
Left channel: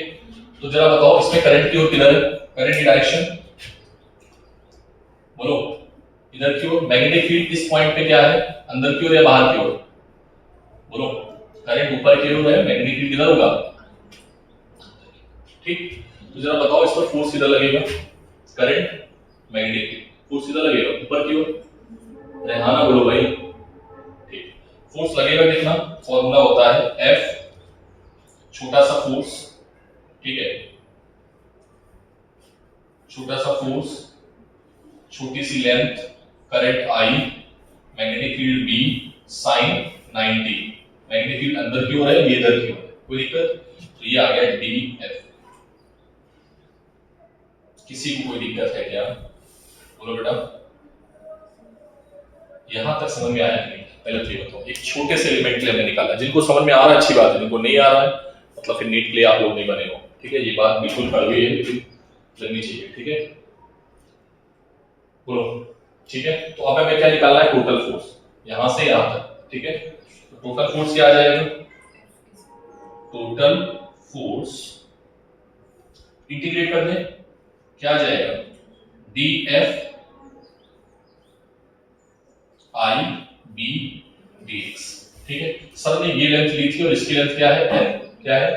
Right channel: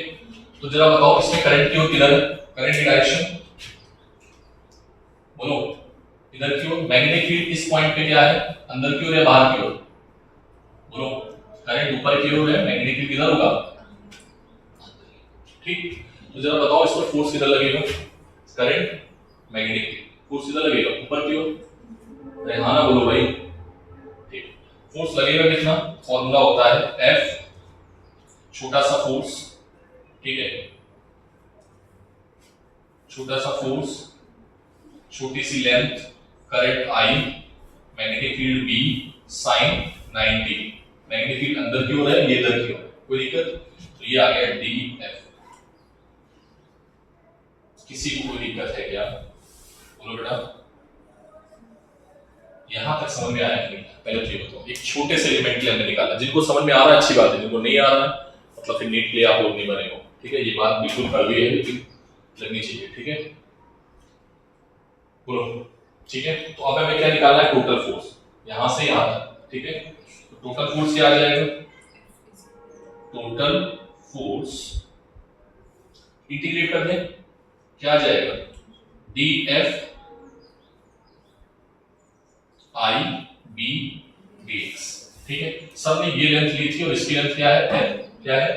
तो जरा बताओ इसमें करंट की ओर किधर है? करंट की डायरेक्शन बोलो, इधर की ओर। मैग्नेटिक फील्ड इस पॉइंट पे क्या है? अंदर की ओर या बाहर की ओर? बोलो। करंट ऊपर की ओर है, मैग्नेटिक फील्ड किधर होगा? ठीक। तो जरा बताओ इस पर फोर्स किधर लगेगा? करंट मैग्नेटिक फील्ड, फोर्स सीधा लगेगा ऊपर की ओर, अरे हाँ ना बोलो भाई, ठीक। फोर्स लगेगा कितना, फॉर्मूला होता है F, छोटा सा फोर्स, ठीक है, छोटा सा फोर्स, छोटी सी length, current I, magnetic field B, sine 90, magnetic field अंदर की ओर है, ये इधर की ओर है, कोई दिक्कत, तो ये आ गया DF। किसी को कोई दिक्कत है क्या, बोलो बेटा, यहां तक समझ में आया नहीं, पहले तो ये बताओ, एक छोटे से एलिमेंट के लिए हमने निकाला, जिनको समझ में आ रहा है अच्छी बात है, जिनको नहीं आ रहा है मतलब फिर नीट के लिए आप लोग नहीं बने हो, ठीक है, ये बात बिल्कुल कड़वी है लेकिन लगनी चाहिए, ठीक है, बोलो, ठीक है। तो अब हमें क्या निकालना है, टोटल फोर्स, यहां से यहां तक, ठीक है, तो टोटल फोर्स क्या आ जाएगा, टोटल फोर्स इंटीग्रेट कर दें, क्या आ जाएगा, DF I B dx, ठीक है। सर ने ये लेंथ ली थी और इसकी लेंथ क्या है, L, क्या है,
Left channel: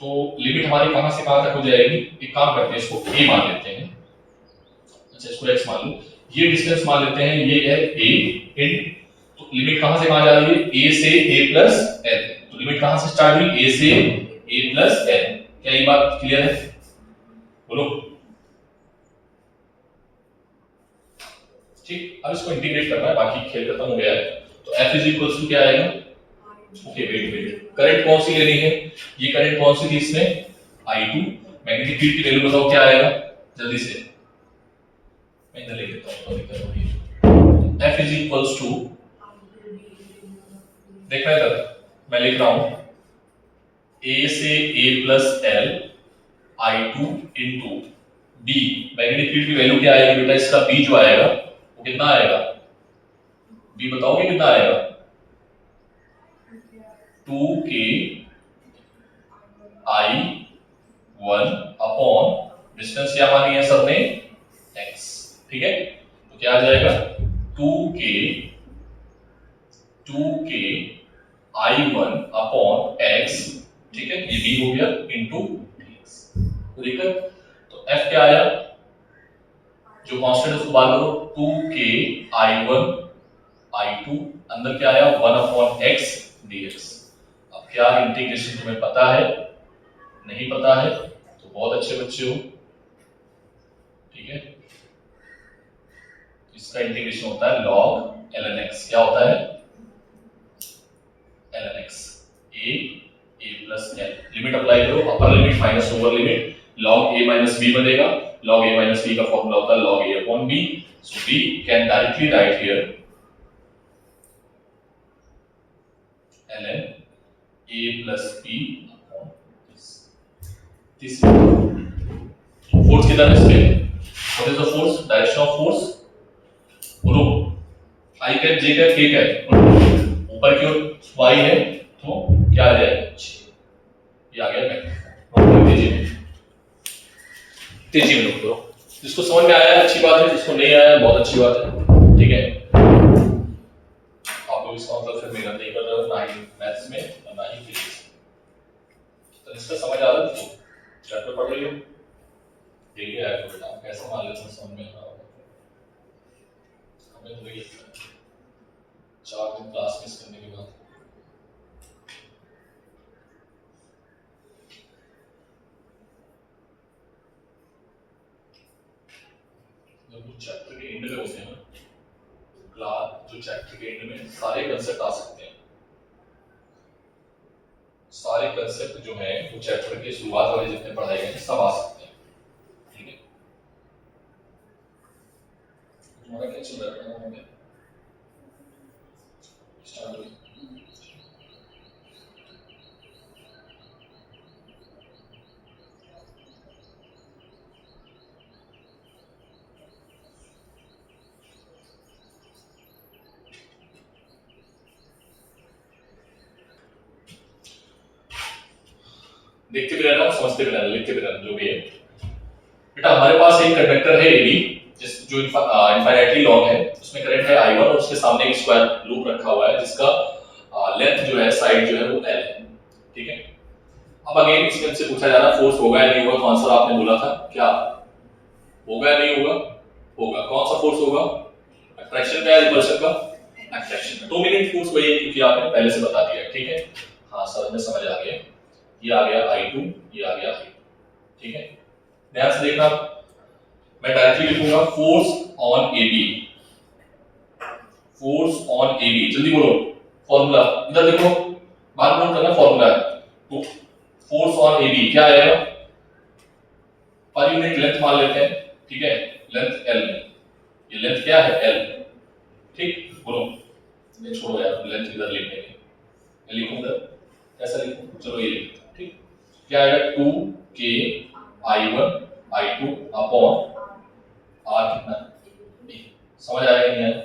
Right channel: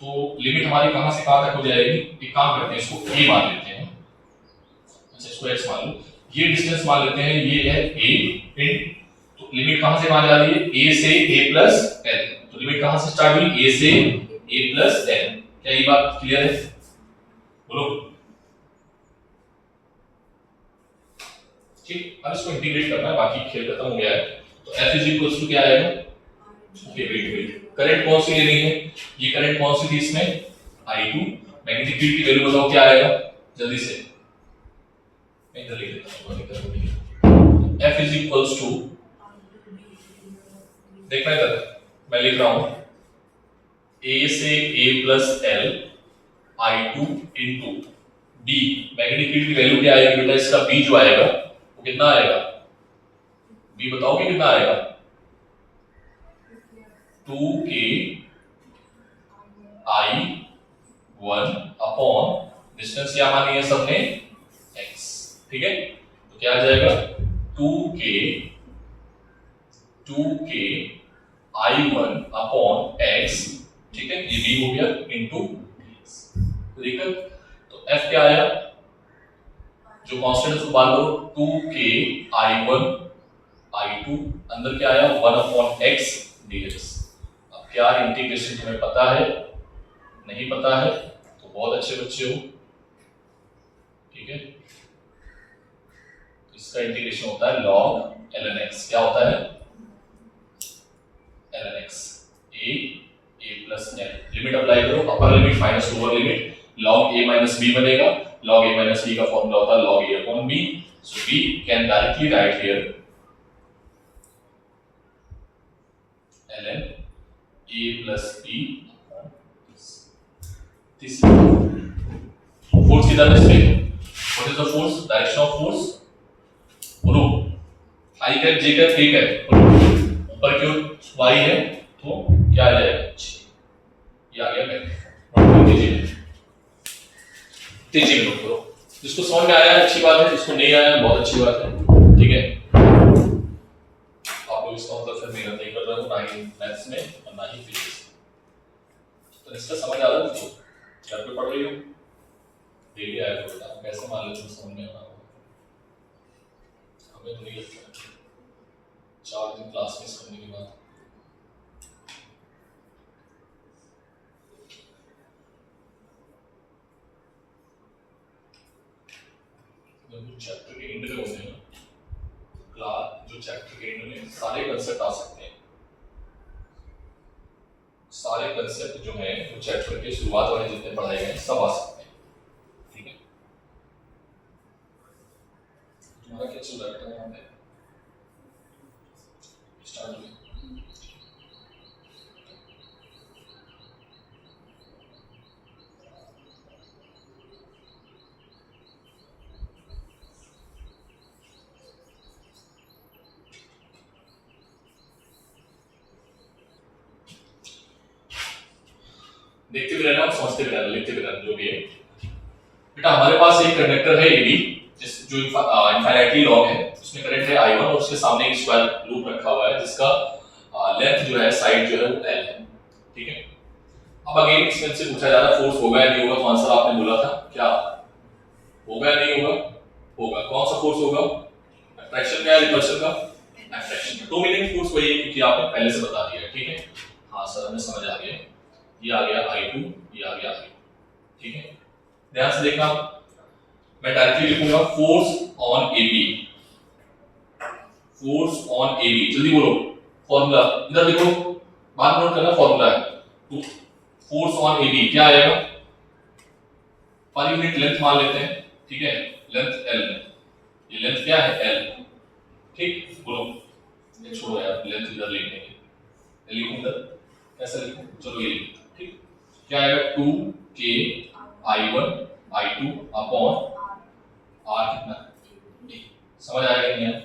तो लिमिट हमारी कहां से कहां तक हो जाएगी, एक काम करते हैं, इसको a मान लेते हैं, अच्छा इसको x मान लो, ये डिस्टेंस मान लेते हैं, ये है a इन, तो लिमिट कहां से कहां जा रही है, a से a प्लस l, तो लिमिट कहां से स्टार्ट हुई, a से a प्लस l, क्या ये बात क्लियर है, बोलो, ठीक। अब इसको इंटीग्रेट करना है, बाकी खेल खत्म हो गया है, तो F इज इक्वल्स टू क्या आएगा, ओके वेट, करंट कौन सी लेनी है, ये करंट कौन सी थी इसमें, I2, मैग्नेटिक फील्ड की वैल्यू बताओ क्या आएगा, जल्दी से, मैं इधर लिख देता हूं, दिक्कत हो रही है, F इज इक्वल्स टू, देखना इधर, मैं लिख रहा हूं A से A plus L I2 into B, magnetic field की वैल्यू क्या आएगी बेटा, इसका B जो आएगा वो कितना आएगा, B बताओगे कितना आएगा, 2k I1 अपॉन डिस्टेंस क्या मानी है सर ने, x, ठीक है, तो क्या आ जाएगा 2k I1 अपॉन x, ठीक है, ये b हो गया इनटू dx, तो देखो तो f क्या आया, जो कांस्टेंट उसको बाहर करो, 2k I1 I2, अंदर क्या आया 1 अपॉन x dx। अब क्या इंटीग्रेशन तुम्हें पता है, नहीं पता है तो बहुत अच्छे बच्चे हो, ठीक है, इसका इंटीग्रेशन होता है log ln x, क्या होता है ln x, a plus l, limit apply करो, upper limit minus lower limit, log a minus b बनेगा, log a माइनस b का फॉर्मूला होता है log a upon b, so we can directly write here ln a plus b upon this force किधर है इसमें, what is the force, direction of force, बोलो I cap J cap K cap, ऊपर की ओर y है तो क्या आ जाएगा, ये आ गया मैग्नेट, तेजी में नोट करो, जिसको समझ में आया है अच्छी बात है, जिसको नहीं आया बहुत अच्छी बात है, ठीक है, आप लोग इसका मतलब फिर मेहनत नहीं कर रहे हो, ना ही मैथ्स में और ना ही फिजिक्स में, तो इसका समझ आ रहा है, तो घर पे पढ़ रही हो, डेली आया करो बेटा, कैसे मान लेते हैं समझ में आ रहा होगा, हमें तो नहीं लगता है 4 दिन क्लास मिस करने के बाद, जब चैप्टर के एंड में होते हैं क्लास, जो चैप्टर के एंड में सारे कंसेप्ट आ सकते हैं, सारे कंसेप्ट जो हैं वो चैप्टर के शुरुआत वाले जितने पढ़ाए गए हैं सब आ सकते हैं, ठीक है, तुम्हारा क्या चल रहा है वहां पे, स्टार्ट हुई, देखते भी रहना, समझते भी रहना, लिखते भी रहना, जो भी है बेटा। हमारे पास एक कंडक्टर है AB, जिस जो इनफाइनाइटली लॉन्ग है, उसमें करंट है I1 और उसके सामने एक स्क्वायर लूप रखा हुआ है जिसका लेंथ जो है, साइड जो है वो L है, ठीक है। अब अगेन इसमें से पूछा जा रहा है फोर्स होगा या नहीं होगा, तो आंसर आपने बोला था क्या, होगा या नहीं होगा? होगा। कौन सा फोर्स होगा? अट्रैक्शन का या रिपल्शन का? अट्रैक्शन का। डोमिनेंट फोर्स वही है क्योंकि आपने पहले से बता दिया है, ठीक है। हाँ सर हमें समझ आ गया, ये आ गया I2, ये आ गया I2, ठीक है। ध्यान से देखना, मैं डायरेक्टली लिखूंगा force on AB, force on AB, जल्दी बोलो फॉर्मूला इधर लिखो, बाद में नोट करना फॉर्मूला है। तो फोर्स ऑन AB क्या आएगा? पर यूनिट लेंथ मान लेते हैं, ठीक है, लेंथ L, ये लेंथ क्या है? L, ठीक। बोलो, ये छोड़ो यार, लेंथ इधर लिख देंगे, लिखूं इधर, कैसा लिखूं? चलो ये लिखो, ठीक। क्या आएगा? 2K I1 I2 upon R कितना? समझ आएगा नहीं आया?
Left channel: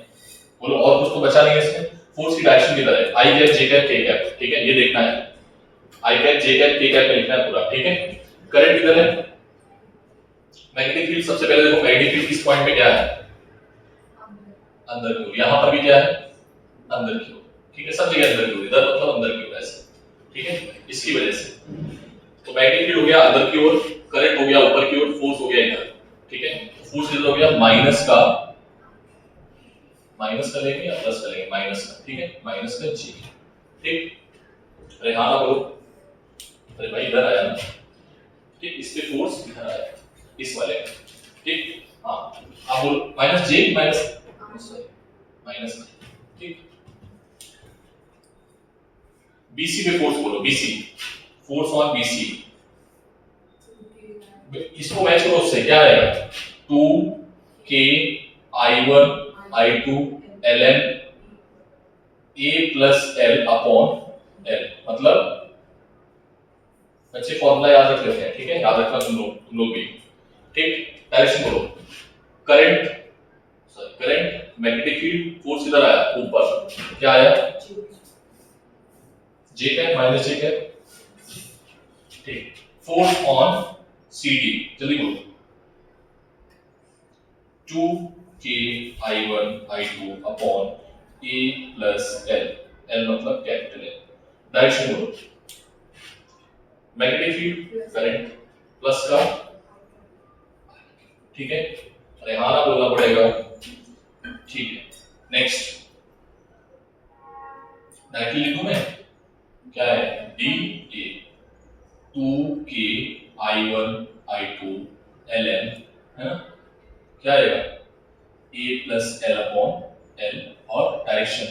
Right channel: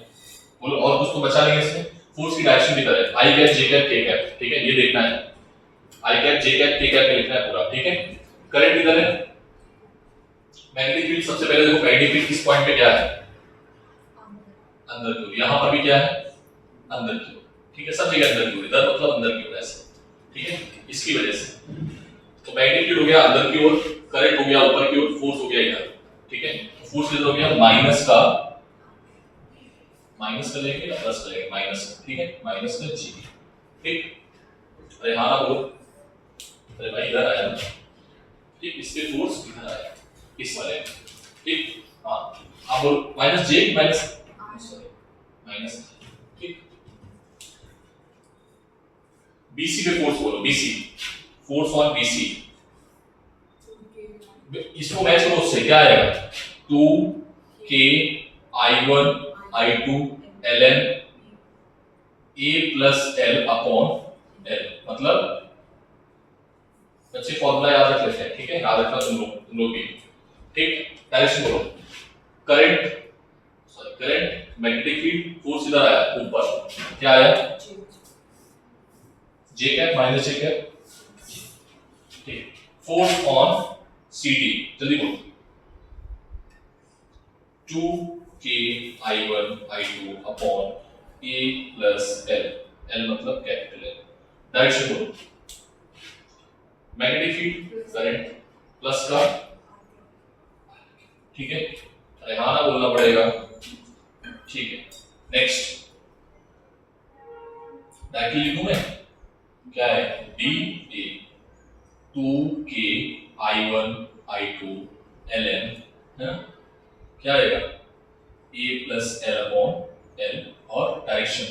बोलो, और कुछ तो बचा नहीं है इसमें। फोर्स की डायरेक्शन की तरह I cap J cap K cap, ठीक है, ये देखना है। I cap J cap K cap पे लिखना है पूरा, ठीक है। करंट किधर है? मैग्नेटिक फील्ड सबसे पहले देखो, मैग्नेटिक फील्ड किस पॉइंट पे क्या है? अंदर की ओर। यहां पर भी क्या है? अंदर की ओर, ठीक है, सब जगह अंदर की ओर, इधर मतलब अंदर की ओर ऐसे, ठीक है। इसकी वजह से तो मैग्नेटिक फील्ड हो गया अंदर की ओर, करंट हो गया ऊपर की ओर, फोर्स हो गया इधर, ठीक है। फोर्स किधर हो गया? माइनस का लेंगे या प्लस का लेंगे? माइनस का, ठीक है, माइनस का G, ठीक। अरे हाँ ना बोलो, अरे भाई इधर आया ना, ठीक, इस पे फोर्स इधर आया, इस वाले में, ठीक। हाँ आप बोलो माइनस J माइनस माइनस, ठीक। BC पे फोर्स बोलो, BC, फोर्स ऑन BC, इसको मैच करो उससे, क्या आएगा? 2K I1 I2 ln A plus L upon L, मतलब अच्छे फॉर्मूला याद रख लेते हैं, ठीक है, याद रखना तुम लोग भी, ठीक। डायरेक्शन बोलो, करंट मैग्नेटिक फील्ड, फोर्स इधर आया ऊपर, क्या आया? J cap minus J cap, ठीक। फोर्स ऑन CD, जल्दी बोलो, 2K I1 I2 upon A plus L, L मतलब कैपिटल L। डायरेक्शन बोलो, मैग्नेटिक फील्ड, करंट प्लस का, ठीक है। अरे हाँ ना बोलना पड़ेगा, ठीक है। नेक्स्ट डायरेक्टली लिखूं मैं, क्या है? DA 2K I1 I2 ln, है ना, क्या आएगा? A plus L upon L, और डायरेक्शन,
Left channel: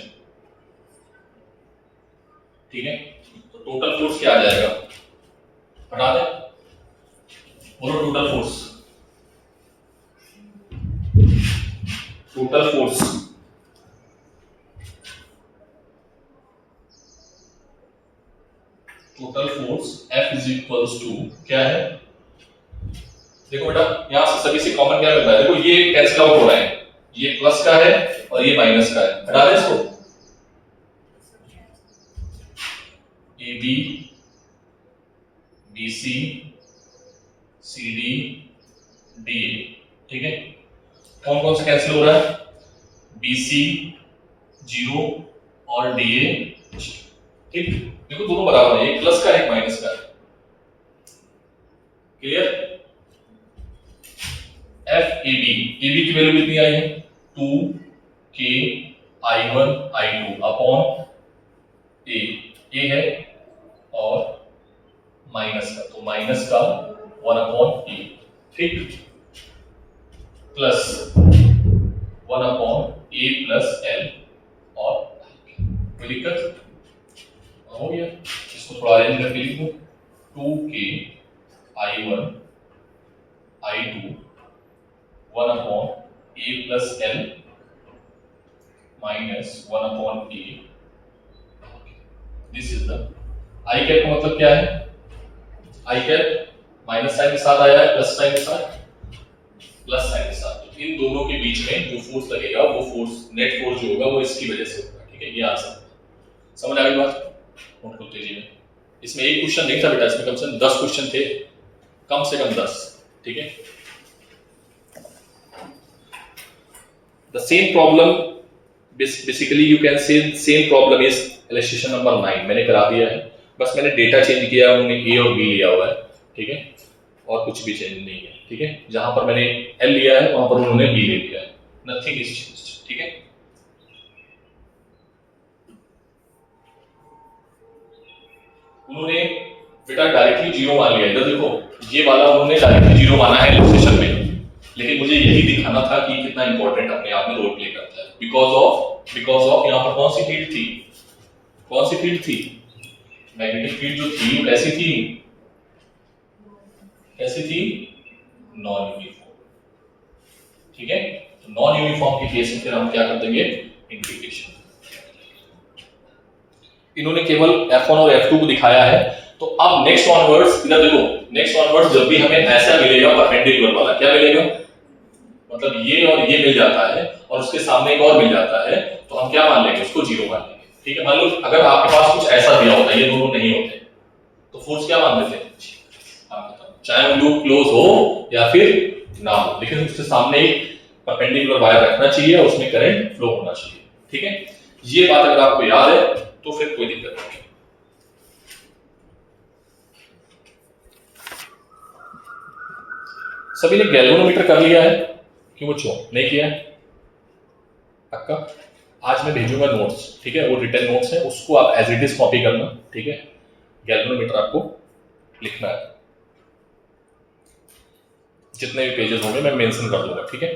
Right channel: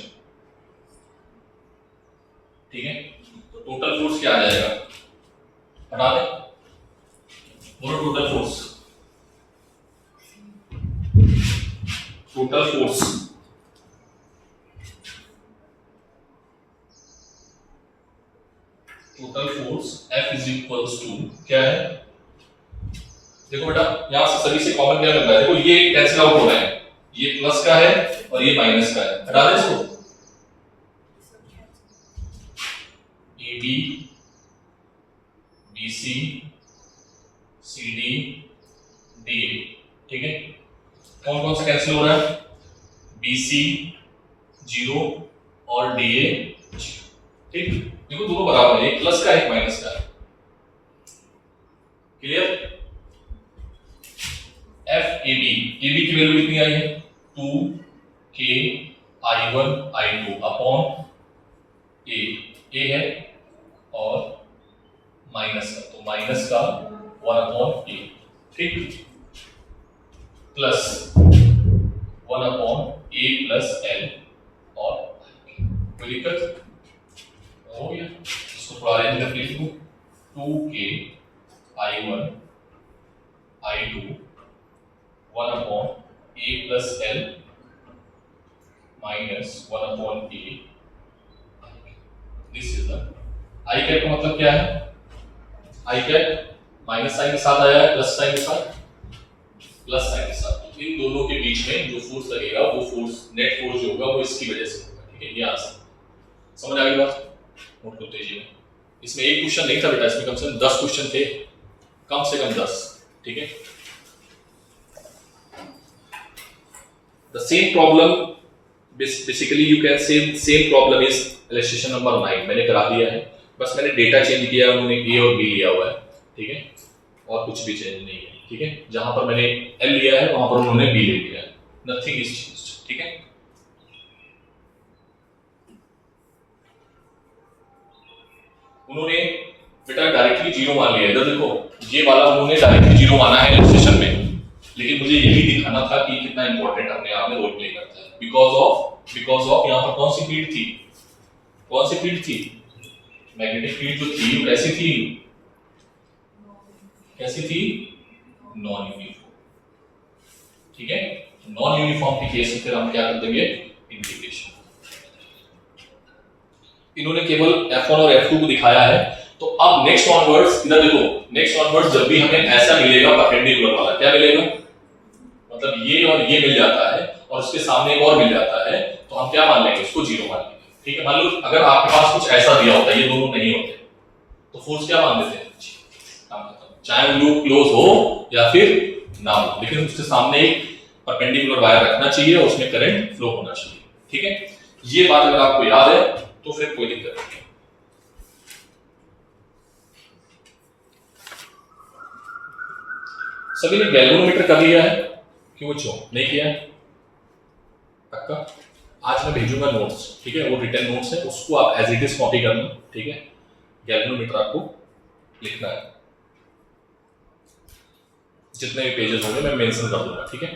ठीक है। तो टोटल फोर्स क्या आ जाएगा? हटा दे, बोलो total force, total force, total force F is equals to क्या है? देखो बेटा, यहां से सभी से कॉमन क्या लगता है? देखो ये कैंसिल आउट हो रहा है, ये प्लस का है और ये माइनस का है, हटा दे इसको। AB BC CD DA, ठीक है। कौन कौन सा कैंसिल हो रहा है? BC 0 और DA, ठीक। देखो दोनों बराबर है, एक प्लस का एक माइनस का, क्लियर। FAB, AB की वैल्यू कितनी आई है? 2K I1 I2 upon A है और माइनस का, तो माइनस का 1 अपॉन A, ठीक, plus 1 upon A plus L, और कोई दिक्कत? हो गया। इसको थोड़ा अरेंज करके लिखो, 2K I1 I2 1 upon A plus L minus 1 upon A, this is the I cap का मतलब क्या है? I कैप माइनस साइन के साथ आया है, प्लस साइन के साथ, प्लस साइन के साथ, तो इन दोनों के बीच में जो फोर्स लगेगा वो फोर्स, नेट फोर्स जो होगा वो इसकी वजह से होगा, ठीक है। ये आंसर समझ आ गई बात? नोट करते जाइए। इसमें एक क्वेश्चन नहीं था बेटा, इसमें कम से कम 10 क्वेश्चन थे, कम से कम 10, ठीक है। The same problem, basically you can say same problem is illustration number 9, मैंने करा दिया है, बस मैंने डेटा चेंज किया, उन्होंने A और B लिया हुआ है, ठीक है, और कुछ भी चेंज नहीं है। ठीक है, जहां पर मैंने एल लिया है वहां पर उन्होंने बी ले लिया है, नथिंग इज चेंज्ड, ठीक है। उन्होंने बेटा डायरेक्टली जीरो मान लिया, इधर देखो ये वाला उन्होंने डायरेक्टली जीरो माना है इलस्ट्रेशन में, लेकिन मुझे यही दिखाना था कि कितना इंपॉर्टेंट अपने आप में रोल प्ले करता है। बिकॉज ऑफ यहां पर कौन सी फील्ड थी, कौन सी फील्ड थी, मैग्नेटिक फील्ड जो थी वो कैसी थी, कैसी थी, नॉन यूनिफॉर्म, ठीक है। तो नॉन यूनिफॉर्म के केस में फिर हम क्या कर देंगे, इंटीग्रेशन। इन्होंने केवल F1 और F2 को दिखाया है, तो अब नेक्स्ट ऑनवर्ड्स इधर देखो, नेक्स्ट ऑनवर्ड्स जब भी हमें ऐसा मिलेगा परपेंडिकुलर वाला, क्या मिलेगा, मतलब ये और ये मिल जाता है और उसके सामने एक और मिल जाता है, तो हम क्या मान लेंगे, उसको जीरो मान लेंगे, ठीक है। मान लो अगर आपके पास कुछ ऐसा दिया होता है, ये दोनों नहीं होते, तो फोर्स क्या मान देते हैं, चाहे वो लूप क्लोज हो या फिर ना हो, लेकिन उसके सामने एक परपेंडिकुलर वायर रखना चाहिए और उसमें करंट फ्लो होना चाहिए, ठीक है। ये बात अगर आपको याद है तो फिर कोई दिक्कत नहीं। सभी ने गैल्वेनोमीटर कर लिया है, क्यों बच्चों नहीं किया है, पक्का। आज मैं भेजूंगा नोट्स, ठीक है, वो रिटन नोट्स है, उसको आप एज इट इज कॉपी करना, ठीक है। गैल्वेनोमीटर आपको लिखना है, जितने भी पेजेस होंगे मैं मेंशन कर दूंगा, ठीक है।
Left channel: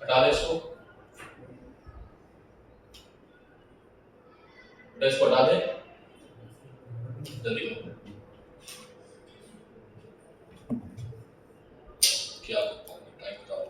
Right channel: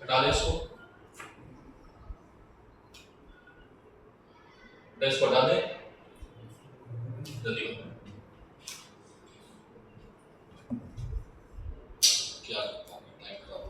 हटा दे इसको, इसको हटा दे जल्दी, क्या टाइम खराब।